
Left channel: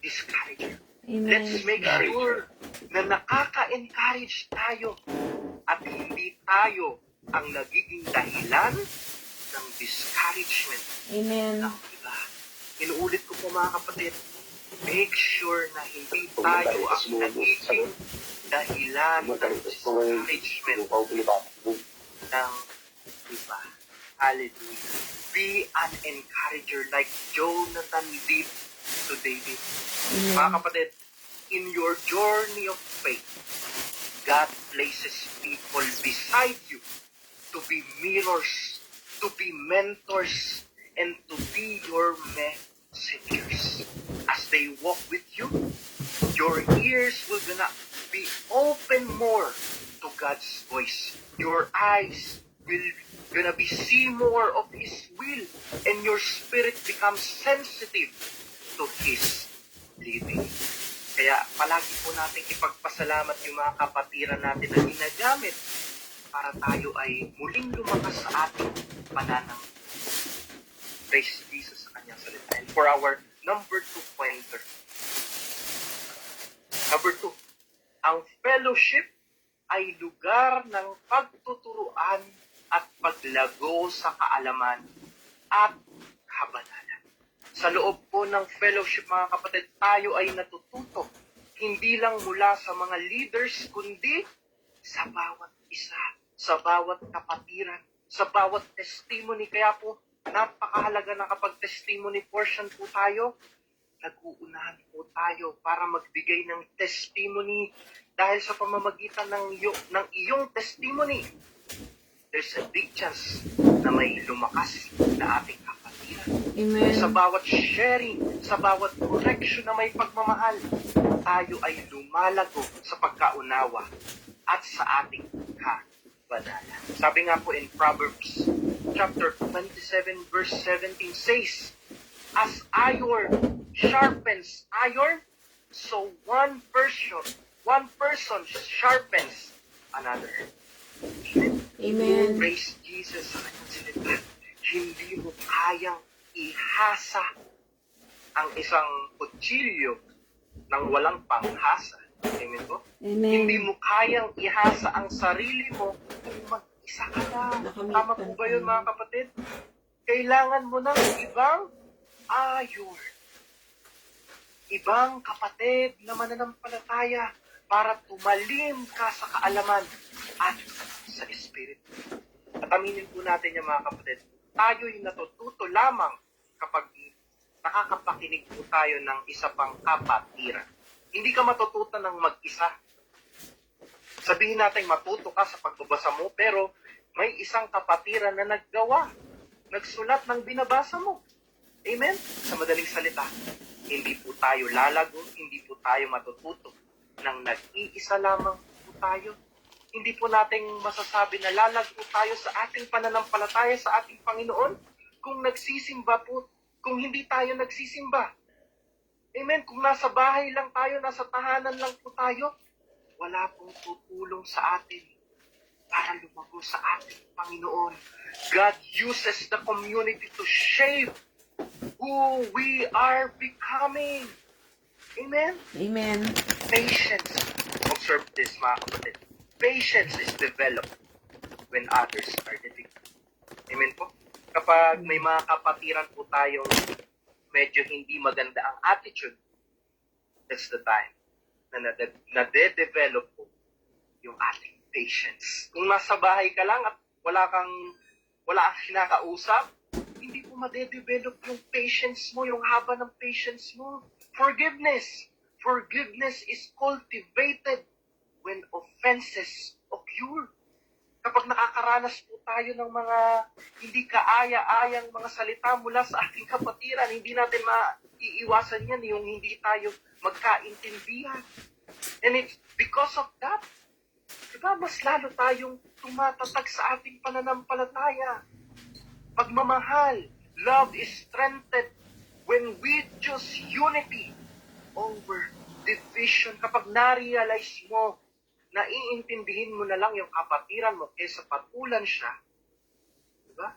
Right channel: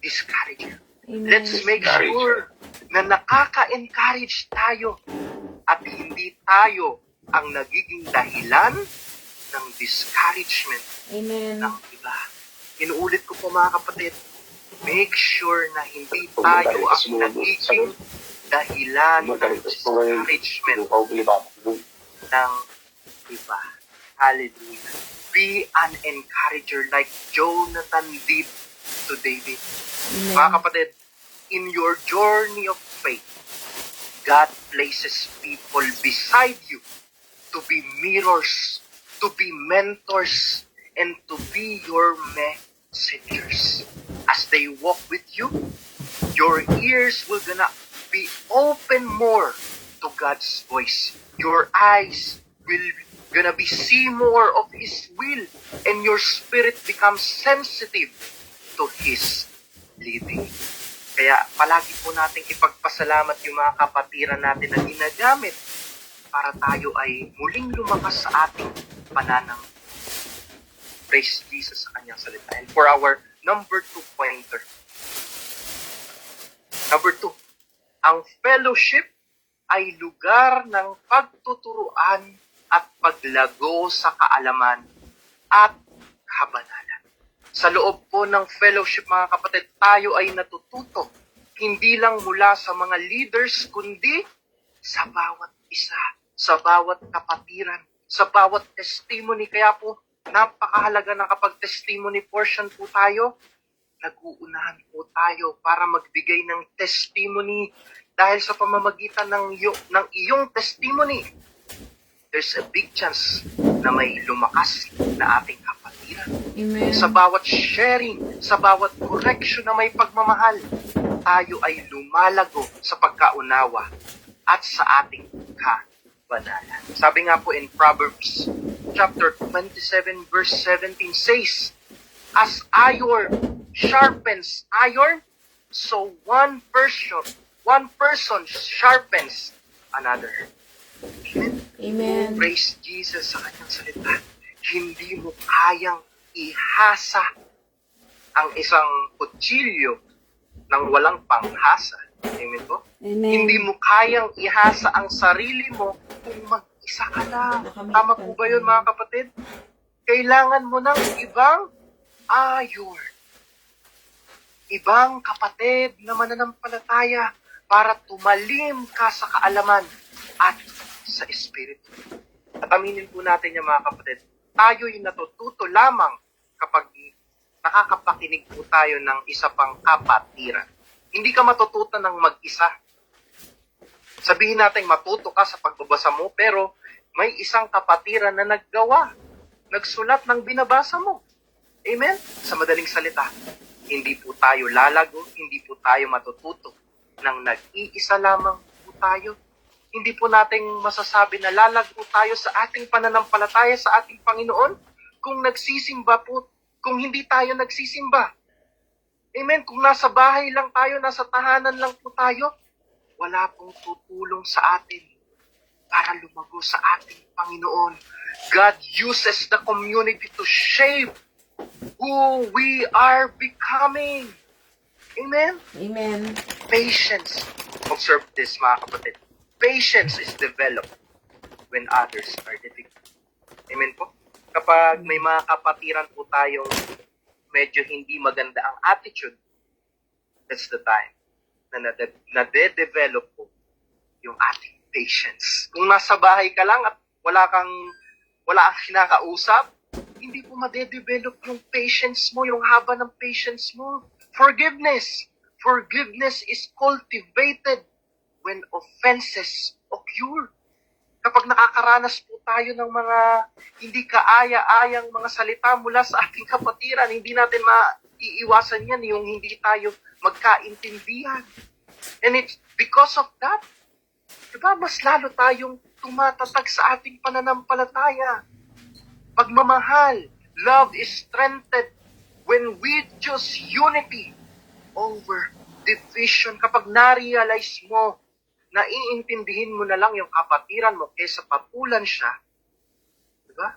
discourager. Amen. Let's make sure na nakaka-encourage tayo at hindi tayo ang nagiging dahilan ng discouragement Amen. ng iba. Inuulit ko po, mga kapatid, make sure na hindi tayo ang nagiging dahilan ng discouragement ng iba. Hallelujah. Be an encourager like Jonathan did to David. Amen. Mga kapatid, in your journey of faith, God places people beside you to be mirrors, to be mentors, and to be your messengers. As they walk with you, your ears will gonna be open more to God's voice. Your eyes will gonna be see more of His will, and your spirit becomes sensitive to His leading. Kaya palagi po nating ipagpasalamat yung mga kapatiran natin na ginagamit para tayo ay muling lumakas sa ating pananang. Praise Jesus sa kanyang salita. And for our number 2 pointer. Number 2, ang fellowship ay lugar ng pagtuturuan at paglago sa kaalaman at kabanalan. Sa loob po ng fellowship, mga kapatid, tayo ay natututo hindi lang mula sa mga leaders, kundi sa bawat isa, sa bawat kapatiran, sa bawat testimony. Kaya po, napakahalaga na kapag testimony portion po tayo, nag-uunahan po tayo para magbigay ng testimony dahil sa pamamagitan ng iyong testimony, there's a big chance na may lumakas na ating kapatiran. Amen. Sa bawat sharing, sa bawat correction na may pagmamahal, tayo ay lumalago sa pagkaunawa at sa ating kabanalan. Sabi nga po in Proverbs chapter 27 verse 17 says, as iron sharpens iron, so one person sharpens another. Amen. Praise Jesus sa kanyang salita. Hindi mo kayang ihasa ang isang kutsilyo ng walang panghasa. Amen po? Amen. Hindi mo kayang ihasa ang sarili mo kung mag-isa ka lang. Tama po ba yun, mga kapatid? Kailangan mo ng ibang ayon. Ibang kapatid na mananampalataya para tumalim ka sa kaalaman at sa Espiritu. At aminin po natin yung mga kapatid, tayo'y natututo lamang kapag nakakapakinig po tayo ng isa pang kapatiran. Hindi ka matututo ng mag-isa. Sabihin natin matuto ka sa pagbabasa mo, pero may isang kapatiran na nagsulat ng binabasa mo. Amen? Sa madaling salita, hindi po tayo lalago, hindi po tayo matututo ng nag-iisa lamang po tayo. Hindi po nating masasabi na lalago tayo sa ating pananampalataya sa ating Panginoon kung nagsisimba po, kung hindi tayo nagsisimba. Amen? Kung nasa bahay lang tayo, nasa tahanan lang po tayo, wala pong tutulong sa atin para lumago sa ating Panginoon. God uses the community to shape who we are becoming. Amen? Amen. Patience. Observe this, mga kapatid. Patience is developed when others are difficult. Amen po? Kapag may mga kapatiran po tayong medyo hindi maganda ang attitude, that's the time na nade-develop po yung ating patience. Kung nasa bahay ka lang at wala kang kinakausap, hindi po made-develop yung patience mo, yung haba ng patience mo. Forgiveness. Forgiveness is cultivated when offenses occur. Kapag nakakaranas po tayo ng mga hindi kaaya-ayang mga salita mula sa ating kapatiran, hindi natin maiiwasan yan yung hindi tayo magkaintindihan. And it's because of that, diba, mas lalo tayong tumatatag sa ating pananampalataya. Pagmamahal, love is strengthened when we choose unity over division. Kapag na-realize mo, naiintindihin mo na lang yung kapatiran mo kaysa patulan siya, diba?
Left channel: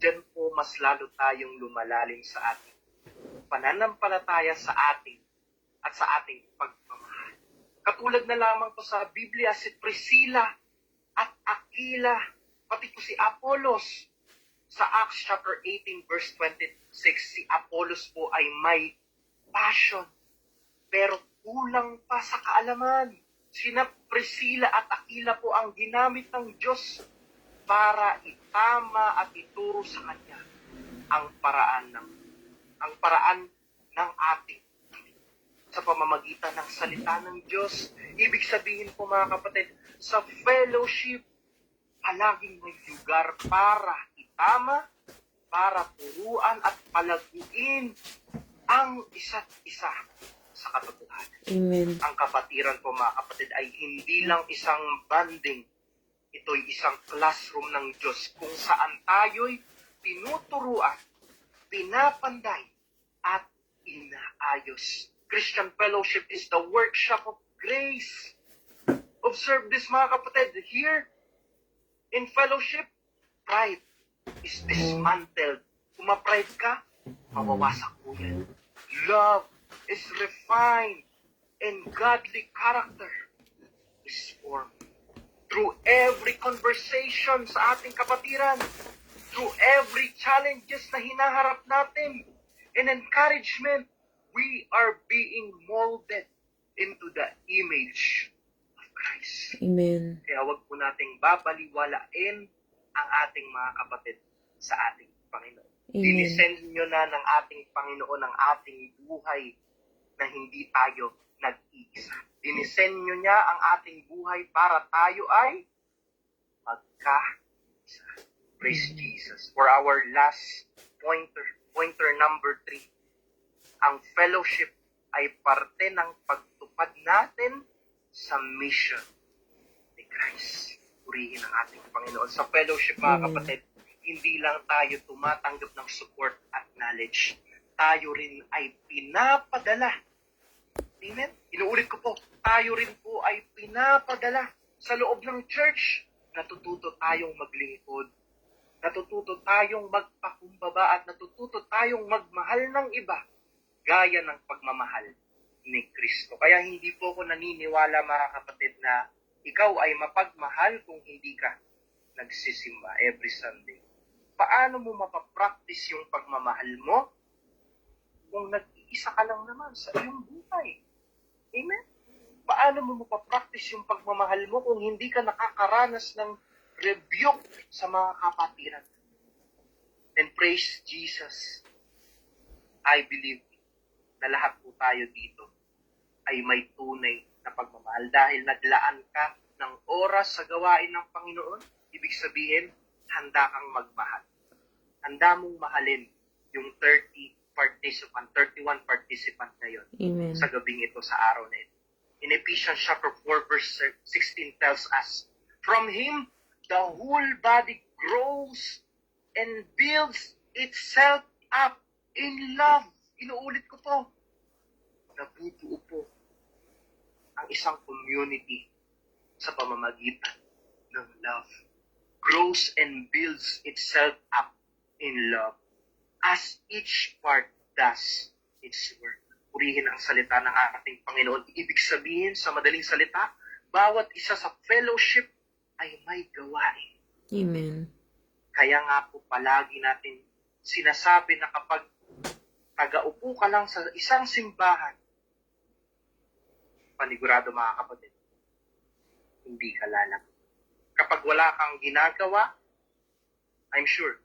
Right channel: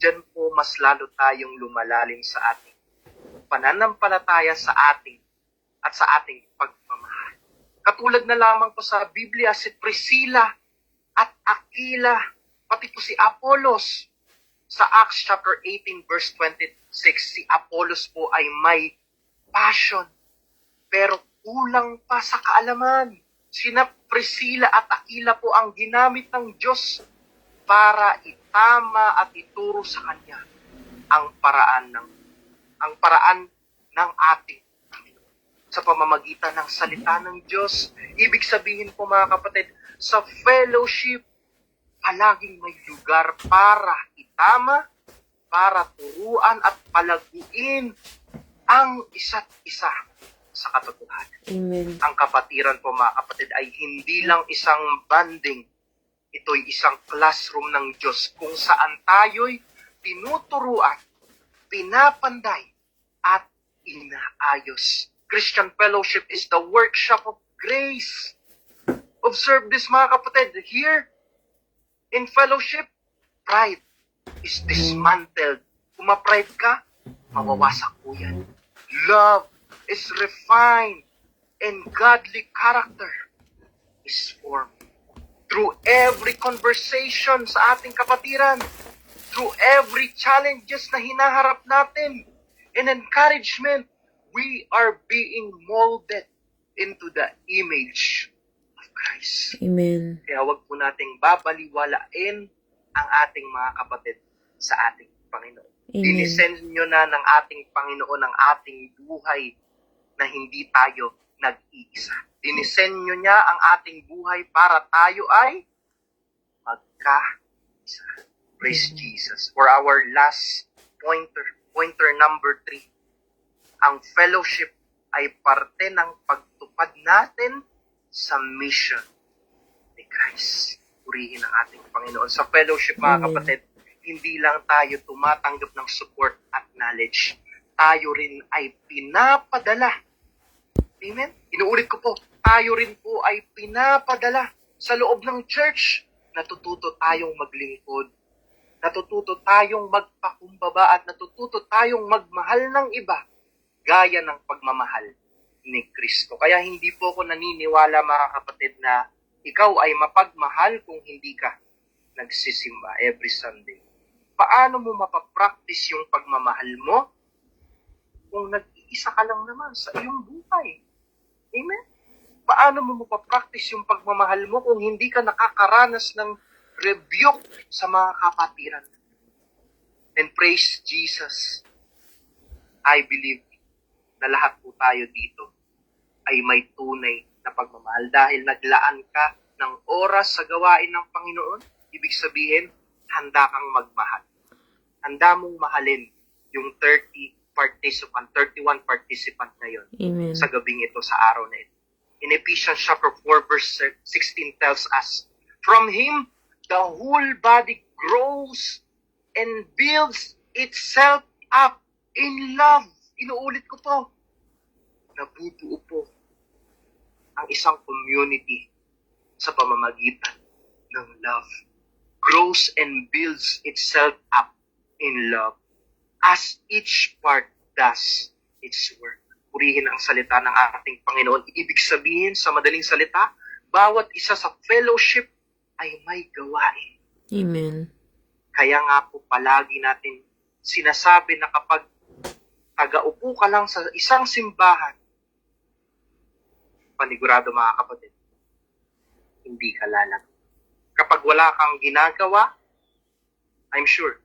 Diyan po mas lalo tayong lumalalim sa ating pananampalataya sa ating at sa ating pagmamahal. Katulad na lamang po sa Biblia, si Priscilla at Aquila, pati po si Apollos. Sa Acts chapter 18 verse 26, si Apollos po ay may passion, pero kulang pa sa kaalaman. Sina Priscilla at Aquila po ang ginamit ng Diyos para itama at ituro sa Kanya ang paraan ng ating sa pamamagitan ng salita ng Diyos. Ibig sabihin po, mga kapatid, sa fellowship, palaging may lugar para itama, para turuan at palaguin ang isa't isa sa katotohanan. Amen. Ang kapatiran po, mga kapatid, ay hindi lang isang banding Ito'y isang classroom ng Diyos kung saan tayo'y tinuturuan, pinapanday, at inaayos. Christian fellowship is the workshop of grace. Observe this, mga kapatid. Here, in fellowship, pride is dismantled. Kung ma-pride ka, mawawasak po yan. Love is refined, and godly character is formed. Through every conversation sa ating kapatiran, through every challenges na hinaharap natin, and encouragement, we are being molded into the image of Christ. Amen. Kaya wag po nating babaliwalain ang ating mga kapatid sa ating Panginoon. Amen. Dinisend nyo na ng ating Panginoon ang ating buhay na hindi tayo nag-iisa. Dinisend nyo niya ang ating buhay para tayo ay magka-isa. Praise Jesus. For our last pointer number 3, ang fellowship ay parte ng pagtupad natin sa mission ni Christ. Purihin ang ating Panginoon. Sa fellowship, mga kapatid, hindi lang tayo tumatanggap ng support at knowledge. Tayo rin ay pinapadala. Amen? Inuulit ko po, tayo rin po ay pinapadala sa loob ng church. Natututo tayong maglingkod. Natututo tayong magpakumbaba at natututo tayong magmahal ng iba gaya ng pagmamahal ni Kristo. Kaya hindi po ako naniniwala, mga kapatid, na ikaw ay mapagmahal kung hindi ka nagsisimba every Sunday. Paano mo mapapractice yung pagmamahal mo kung nag-iisa ka lang naman sa iyong buhay? Amen? Paano mo mapapractice yung pagmamahal mo kung hindi ka nakakaranas ng rebuke sa mga kapatiran? And praise Jesus, I believe na lahat po tayo dito ay may tunay na pagmamahal dahil naglaan ka ng oras sa gawain ng Panginoon. Ibig sabihin, handa kang magmahal. Handa mong mahalin yung 31 participant ngayon Amen. sa gabing ito, sa araw na ito. In Ephesians chapter 4 verse 16 tells us, from Him, the whole body grows and builds itself up in love. Inuulit ko po, nabubuo po ang isang community sa pamamagitan ng love. Grows and builds itself up in love as each part does its work. Purihin ang salita ng ating Panginoon. Ibig sabihin, sa madaling salita, bawat isa sa fellowship ay may gawain. Amen. Kaya nga po palagi natin sinasabi na kapag taga-upo ka lang sa isang simbahan, panigurado, mga kapatid, hindi ka lalag. Kapag wala kang ginagawa, I'm sure,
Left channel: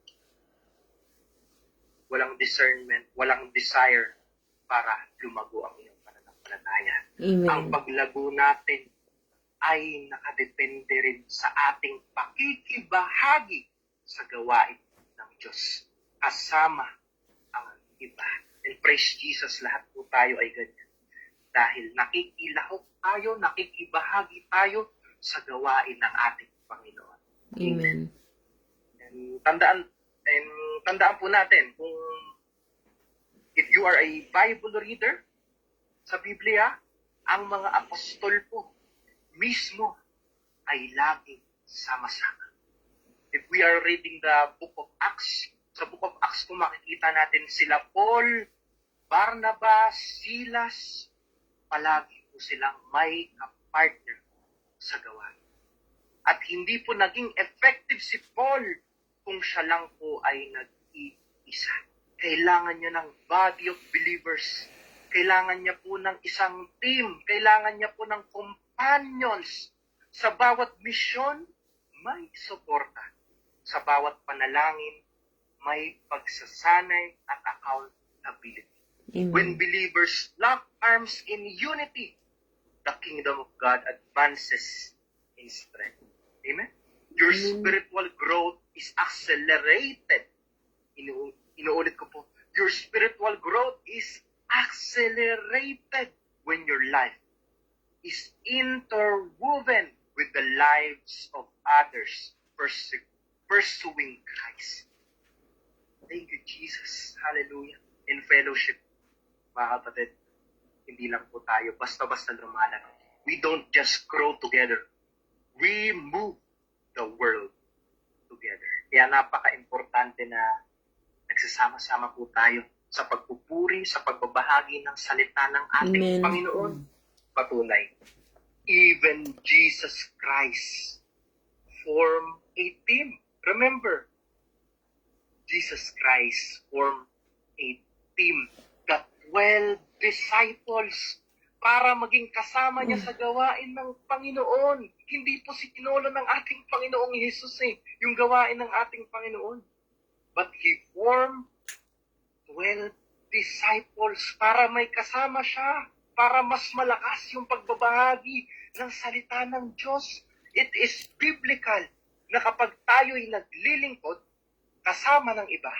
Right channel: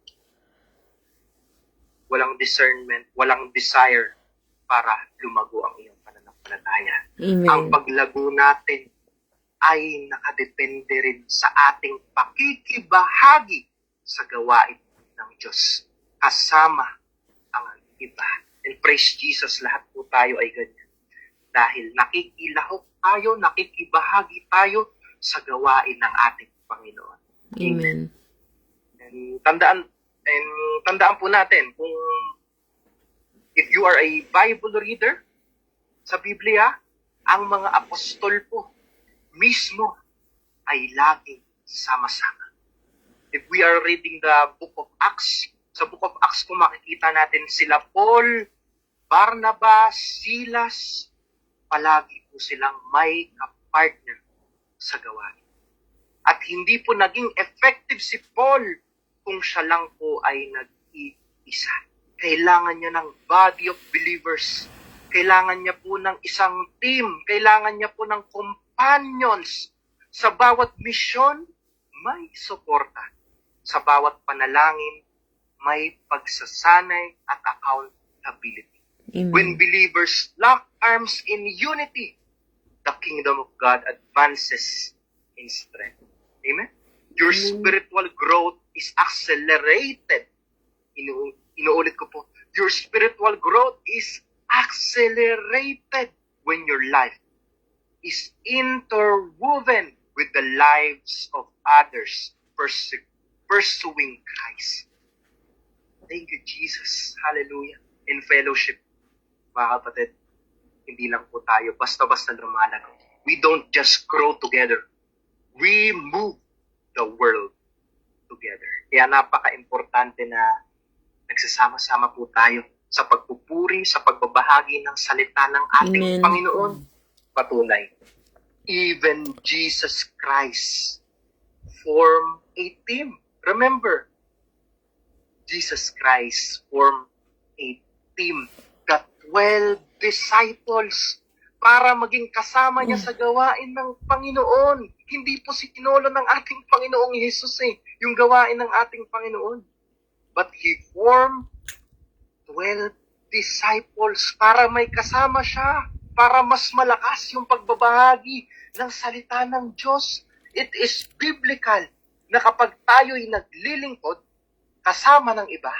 walang discernment, walang desire para lumago ang iyong pananampalataya. Amen. Ang paglago natin ay nakadepende rin sa ating pakikibahagi sa gawain ng Diyos. Kasama ang iba. And praise Jesus, lahat po tayo ay ganyan. Dahil nakikilahok tayo, nakikibahagi tayo sa gawain ng ating Panginoon. Amen. And tandaan po natin, kung if you are a Bible reader sa Biblia, ang mga apostol po mismo ay laging sama-sama. If we are reading the book of Acts, sa book of Acts po makikita natin sila Paul, Barnabas, Silas, palagi po silang may kapartner sa gawain. At hindi po naging effective si Paul kung siya lang po ay nag-iisa. Kailangan niya ng body of believers. Kailangan niya po ng isang team. Kailangan niya po ng companions. Sa bawat misyon, may suporta. Sa bawat panalangin, may pagsasanay at accountability. Amen. When believers lock arms in unity, the kingdom of God advances in strength. Amen? Your spiritual growth is accelerated. Inuulit ko po. Your spiritual growth is accelerated when your life is interwoven with the lives of others pursuing Christ. Thank you, Jesus. Hallelujah. In fellowship, mga kapatid, hindi lang po tayo basta-basta lumalago. We don't just grow together. We move the world together. Kaya napaka-importante na nagsasama-sama po tayo sa pagpupuri, sa pagbabahagi ng salita ng ating Amen. Panginoon. Patunay. Even Jesus Christ formed a team. Remember, Jesus Christ formed a team, the 12 disciples, para maging kasama niya sa gawain ng Panginoon. Hindi po si tinolo ng ating Panginoong Jesus yung gawain ng ating Panginoon. But He formed 12 disciples para may kasama siya, para mas malakas yung pagbabahagi ng salita ng Diyos. It is biblical na kapag tayo'y naglilingkod kasama ng iba,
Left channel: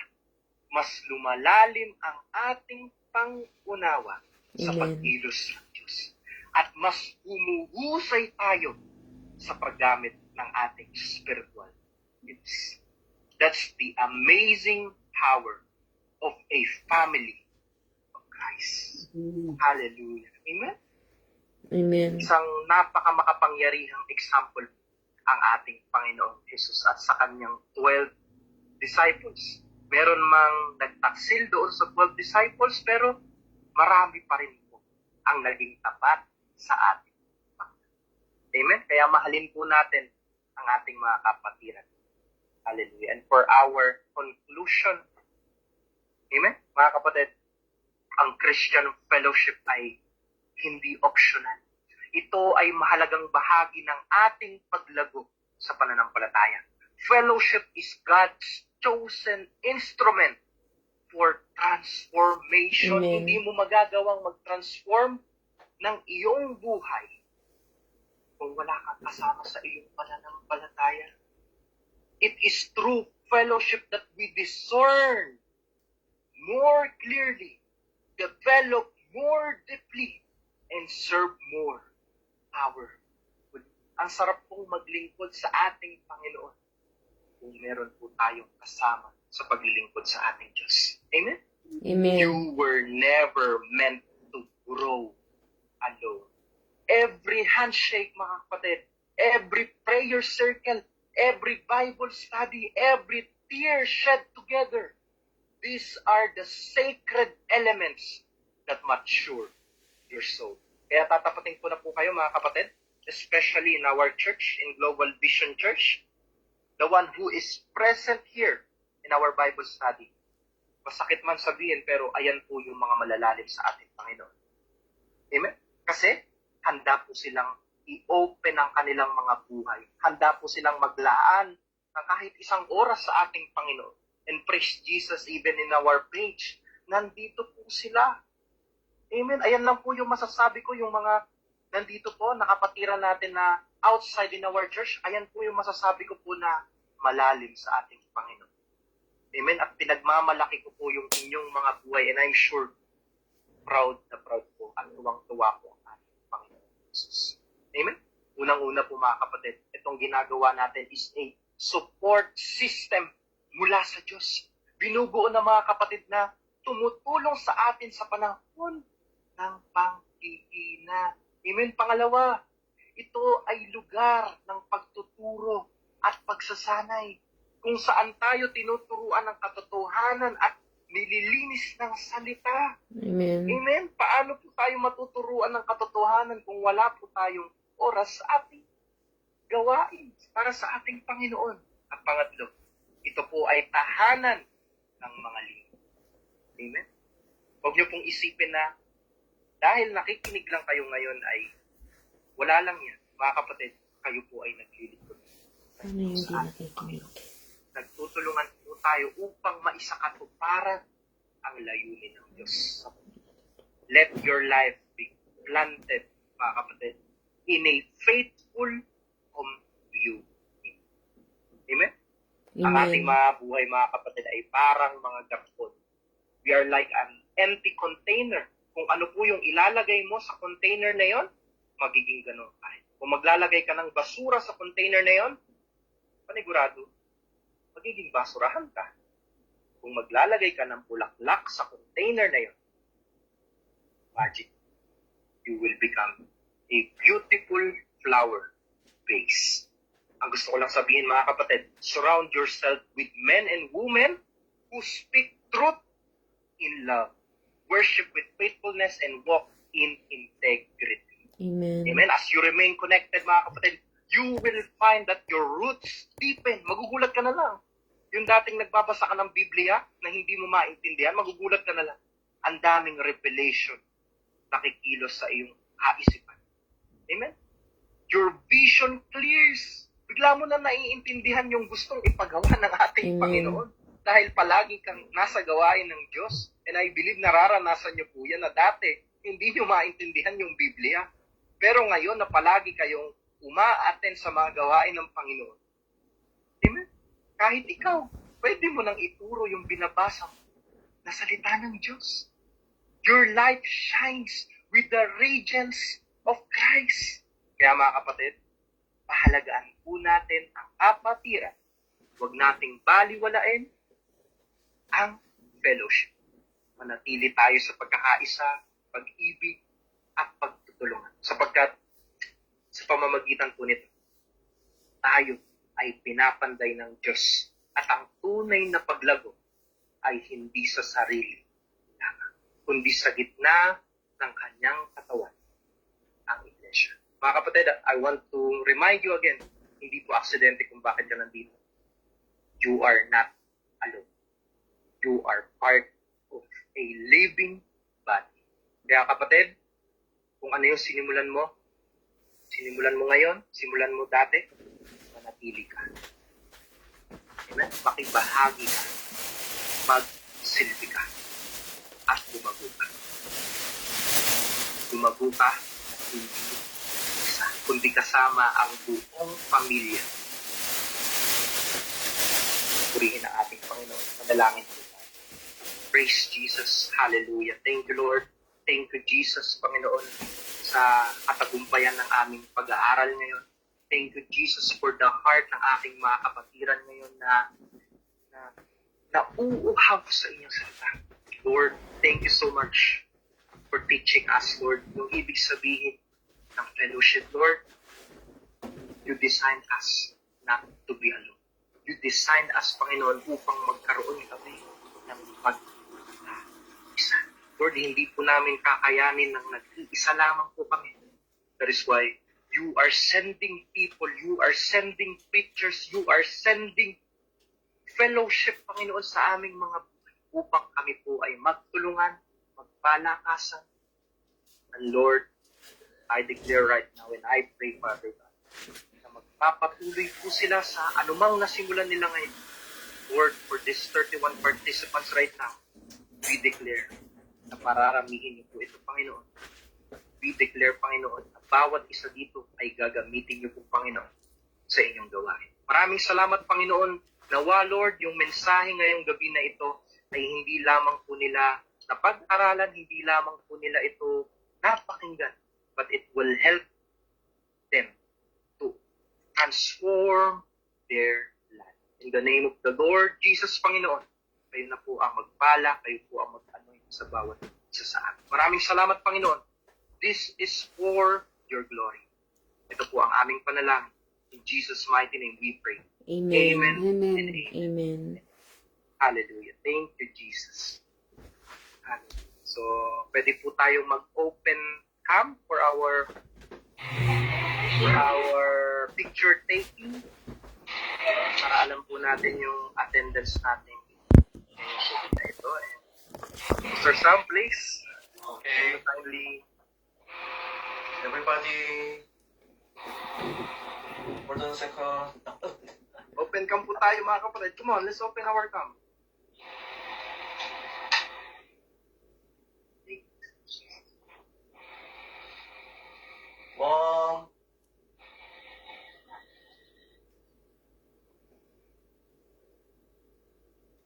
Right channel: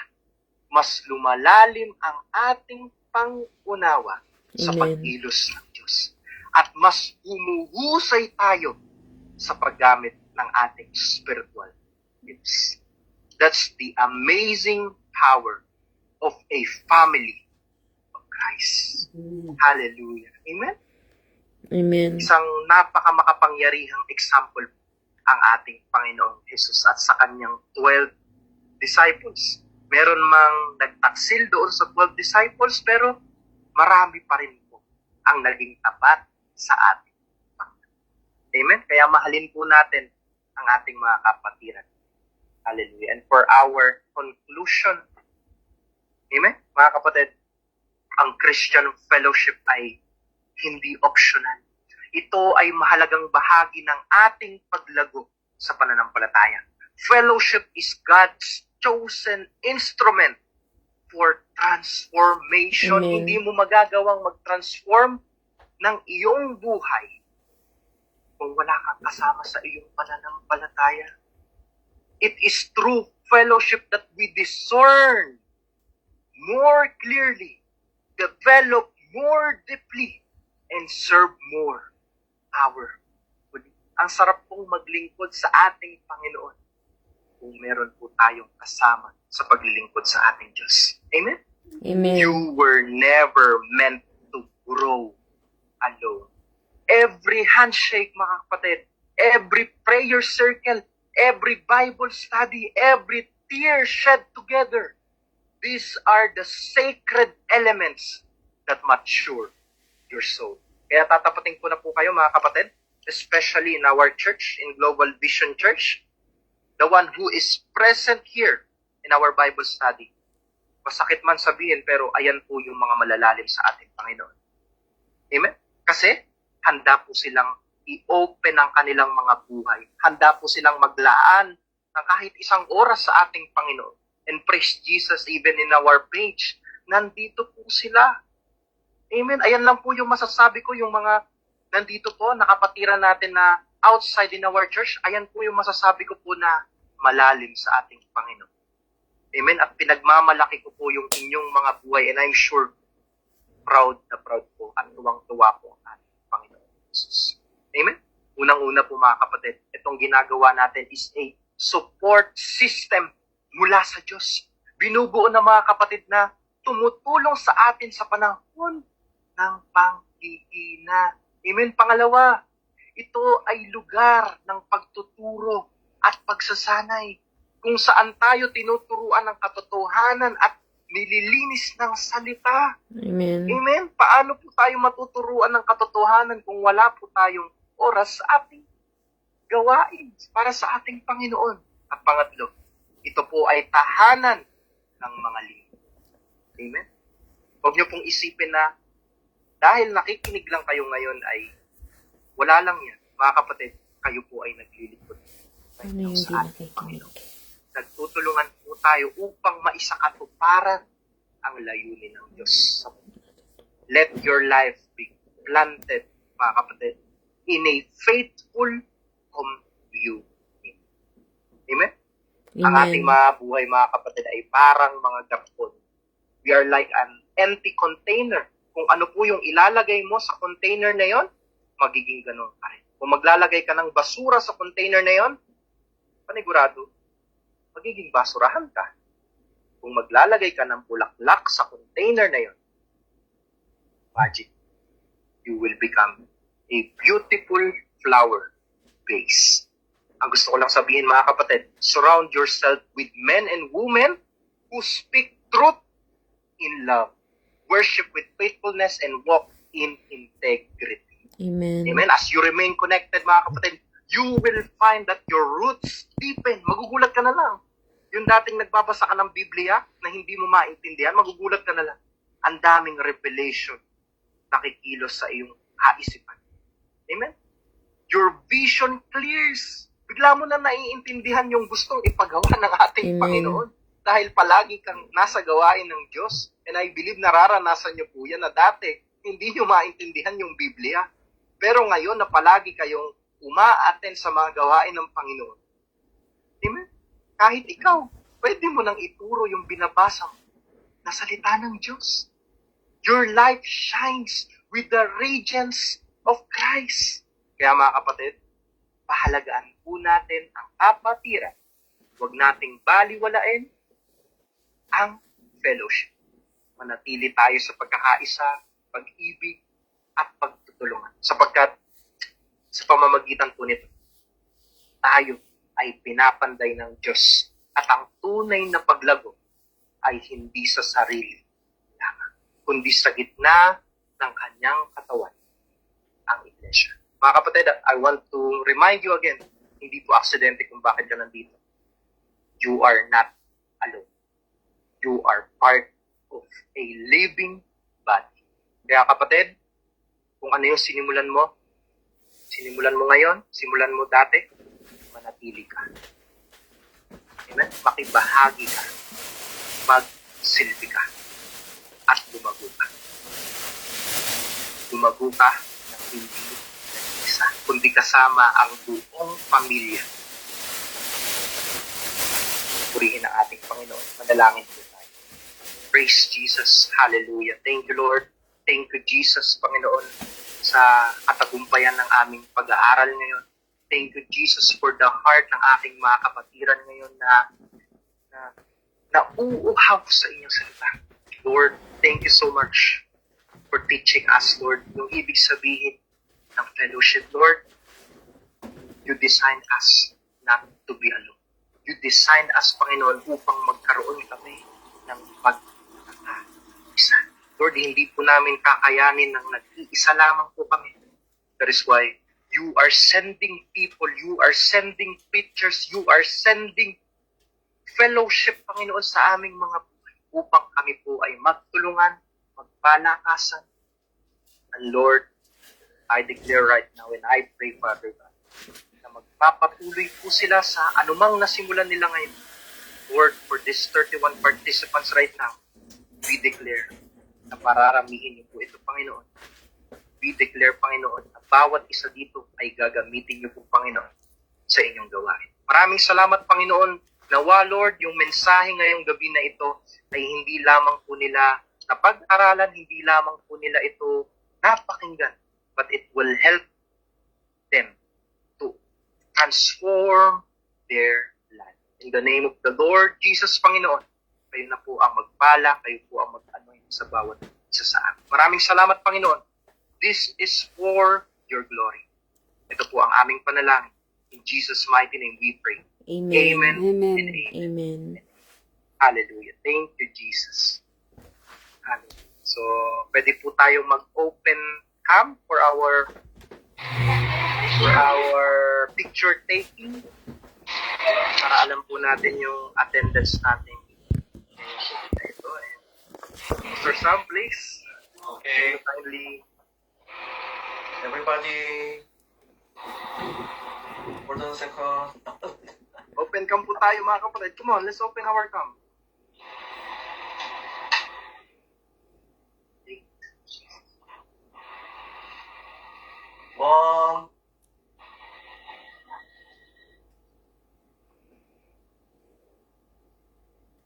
mas lumalalim ang ating pangunawa sa Amen. pagkilos ng Diyos. At mas humuhusay tayo sa paggamit ng ating spiritual gifts. That's the amazing power of a family of Christ. Hallelujah. Amen? Amen. Isang napakamakapangyarihang example ang ating Panginoong Jesus at sa kanyang 12 disciples. Meron mang nagtaksil doon sa 12 disciples, pero marami pa rin po ang naging tapat sa ating Panginoon. Amen? Kaya mahalin po natin ang ating mga kapatiran. Hallelujah. And for our conclusion, amen? Mga kapatid, ang Christian fellowship ay hindi optional. Ito ay mahalagang bahagi ng ating paglago sa pananampalataya. Fellowship is God's chosen instrument for transformation. Amen. Hindi mo magagawang mag-transform ng iyong buhay kung wala kang kasama sa iyong pananampalataya. It is through fellowship that we discern more clearly, develop more deeply, and serve more our good. Ang sarap pong maglingkod sa ating Panginoon kung meron po tayong kasama sa paglilingkod sa ating Diyos. Amen? Amen. You were never meant to grow alone. Every handshake, mga kapatid, every prayer circle, every Bible study, every tear shed together, these are the sacred elements that mature your soul. Kaya tatapatin ko na po kayo, mga kapatid, especially in our church, in Global Vision Church, the one who is present here in our Bible study. Masakit man sabihin, pero ayan po yung mga malalalim sa ating Panginoon. Amen? Kasi handa po silang i-open ang kanilang mga buhay. Handa po silang maglaan ng kahit isang oras sa ating Panginoon. And praise Jesus, even in our page, nandito po sila. Amen? Ayan lang po yung masasabi ko, yung mga nandito po, nakapatira natin na outside in our church, ayan po yung masasabi ko po na malalim sa ating Panginoon. Amen? At pinagmamalaki ko po yung inyong mga buhay, and I'm sure proud na proud po at tuwang-tuwa po ang ating Panginoon Jesus. Amen? Unang-una po, mga kapatid, itong ginagawa natin is a support system mula sa Diyos. Binubuo ng mga kapatid na tumutulong sa atin sa panahon ng panghihina. Amen? Pangalawa, ito ay lugar ng pagtuturo at pagsasanay kung saan tayo tinuturuan ng katotohanan at nililinis ng salita. Amen. Amen? Paano po tayo matuturuan ng katotohanan kung wala po tayong oras sa ating gawain para sa ating Panginoon? At pangatlo, ito po ay tahanan ng mga lingkod. Amen? Huwag niyo pong isipin na dahil nakikinig lang kayo ngayon ay wala lang yan. Mga kapatid, kayo po ay naglilingkod Ano yung sa hindi ating nakikinig? Panginoon. Nagtutulungan po tayo upang maisakatuparan ang layunin ng Diyos sa mundo. Let your life be planted, mga kapatid, in a faithful community. Amen? Ang ating Amen. mga buhay, mga kapatid, ay parang mga gapon. We are like an empty container. Kung ano po yung ilalagay mo sa container na yon, magiging ganun ka rin. Kung maglalagay ka ng basura sa container na yon, panigurado, magiging basurahan ka. Kung maglalagay ka ng bulaklak sa container na yon, imagine, you will become a beautiful flower vase. Ang gusto ko lang sabihin mga kapatid, surround yourself with men and women who speak truth in love, worship with faithfulness, and walk in integrity. Amen. Amen. As you remain connected, mga kapatid, you will find that your roots deepen. Magugulat ka na lang. Yung dating nagbabasa ka ng Biblia na hindi mo maintindihan, magugulat ka na lang. Ang daming revelation nakikilos sa iyong kaisipan. Amen. Your vision clears. Bigla mo na naiintindihan yung gustong ipagawa ng ating Amen. Panginoon. Dahil palagi kang nasa gawain ng Diyos. And I believe nararanasan niyo po yan na dati hindi niyo maintindihan yung Biblia. Pero ngayon na palagi kayong uma-attend sa mga gawain ng Panginoon. Amen? Kahit ikaw, pwede mo nang ituro yung binabasa mo na salita ng Diyos. Your life shines with the radiance of Christ. Kaya mga kapatid, pahalagaan po natin ang kapatiran. Huwag nating baliwalain ang fellowship. Manatili tayo sa pagkakaisa, pag-ibig, at pagtutulungan. Sapagkat sa pamamagitan po nito, tayo ay pinapanday ng Diyos at ang tunay na paglago ay hindi sa sarili lamang, kundi sa gitna ng kanyang katawan, ang iglesia. Mga kapatid, I want to remind you again, hindi po aksidente kung bakit ka nandito. You are not alone. You are part of a living body. Kaya kapatid, kung ano yung sinimulan mo ngayon, simulan mo dati, manatili ka. Amen? Makibahagi ka, magsilbi ka, at lumago ka. Lumago ka ng hindi isa, kundi kasama ang buong pamilya. Purihin ang ating Panginoon. Manalangin po tayo. Praise Jesus. Hallelujah. Thank you, Lord. Thank you, Jesus, Panginoon, sa katagumpayan ng aming pag-aaral ngayon. Thank you, Jesus, for the heart ng aking mga kapatiran ngayon na uuhaw sa inyong salita. Lord, thank you so much for teaching us, Lord, yung ibig sabihin ng fellowship. Lord, you designed us not to be alone. You designed us, Panginoon, upang magkaroon kami ng pag-isa. Lord, hindi po namin kakayanin ng nag-iisa lamang po kami. That is why you are sending people, you are sending preachers, you are sending fellowship, Panginoon, sa aming mga buhay upang kami po ay magtulungan, magpalakasan. And Lord, I declare right now and I pray, Father God, na magpapatuloy po sila sa anumang nasimulan nila ngayon. Lord, for these 31 participants right now, we declare na pararamihin niyo po ito, Panginoon. We declare, Panginoon, na bawat isa dito ay gagamitin niyo po, Panginoon, sa inyong gawain. Maraming salamat, Panginoon. Nawa, Lord, yung mensahe ngayong gabi na ito ay hindi lamang po nila napag-aralan, hindi lamang po nila ito napakinggan, but it will help them to transform their life. In the name of the Lord Jesus, Panginoon, kayo na po ang magpala, kayo po ang mag-anoint sa bawat isa sa amin. Maraming salamat, Panginoon. This is for your glory. Ito po ang aming panalangin. In Jesus' mighty name we pray. Amen. Amen. Amen. And amen. Amen. Hallelujah. Thank you, Jesus. Hallelujah. So, pwede po tayo mag-open cam for our picture taking para alam po natin yung attendance natin ngayong na ito. And Mr. Sam, please. Okay, Kindly everybody, hold on a second. open cam po tayo, mga kapatid. Come on, let's open our cam. One,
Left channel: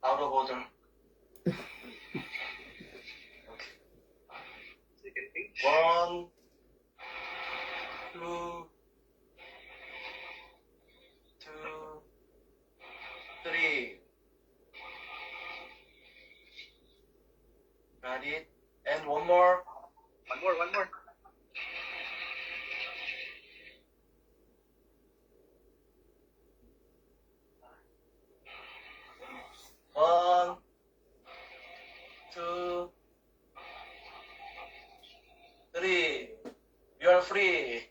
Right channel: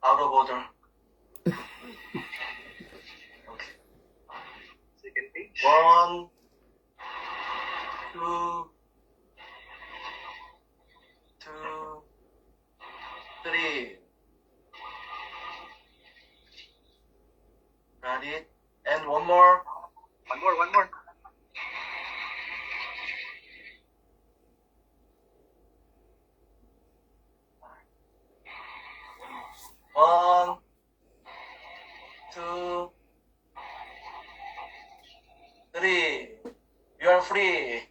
out of order. Okay. Second page. One, two, Got it. And one more. One more. One, two, three. You are free.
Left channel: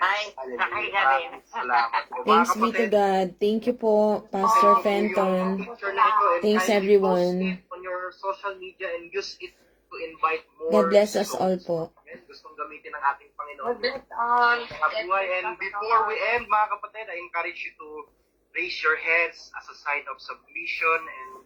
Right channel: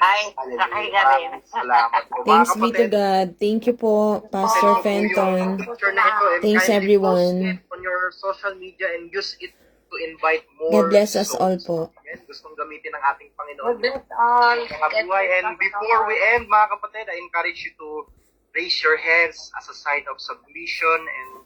Ay, sakay ka rin. Salamat po. Thanks Mga be to kapatid, God. Thank you po, Pastor ito po yung Fenton. picture na ito, and Thanks, kindly everyone. post it on your social media and use it to invite more God bless us souls. all po. Ayan, gustong gamitin ng ating Panginoon. Bless all. Mga buhay. And before we end, mga kapatid, I encourage you to raise your hands as a sign of submission and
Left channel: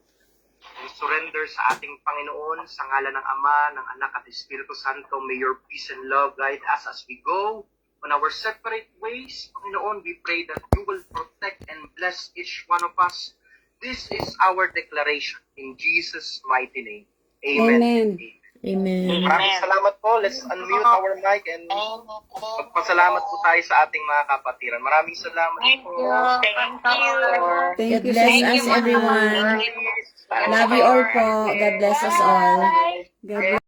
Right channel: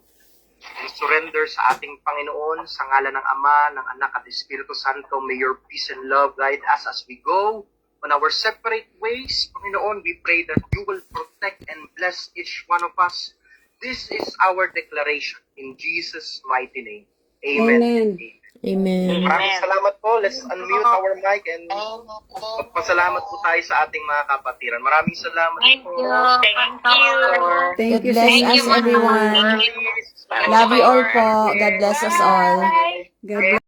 surrender sa ating Panginoon, sa ngalan ng Ama, ng Anak at Espiritu Santo. May your peace and love guide us as we go on our separate ways. Panginoon, we pray that you will protect and bless each one of us. This is our declaration in Jesus' mighty name. Amen. Amen. Amen. Maraming salamat po. Let's unmute our mic and magpasalamat po tayo sa ating mga kapatiran. Maraming salamat Thank po. you. Thank you. Thank you, bless Thank us, you, everyone. Mama. Love you all po. God bless us all. God bless.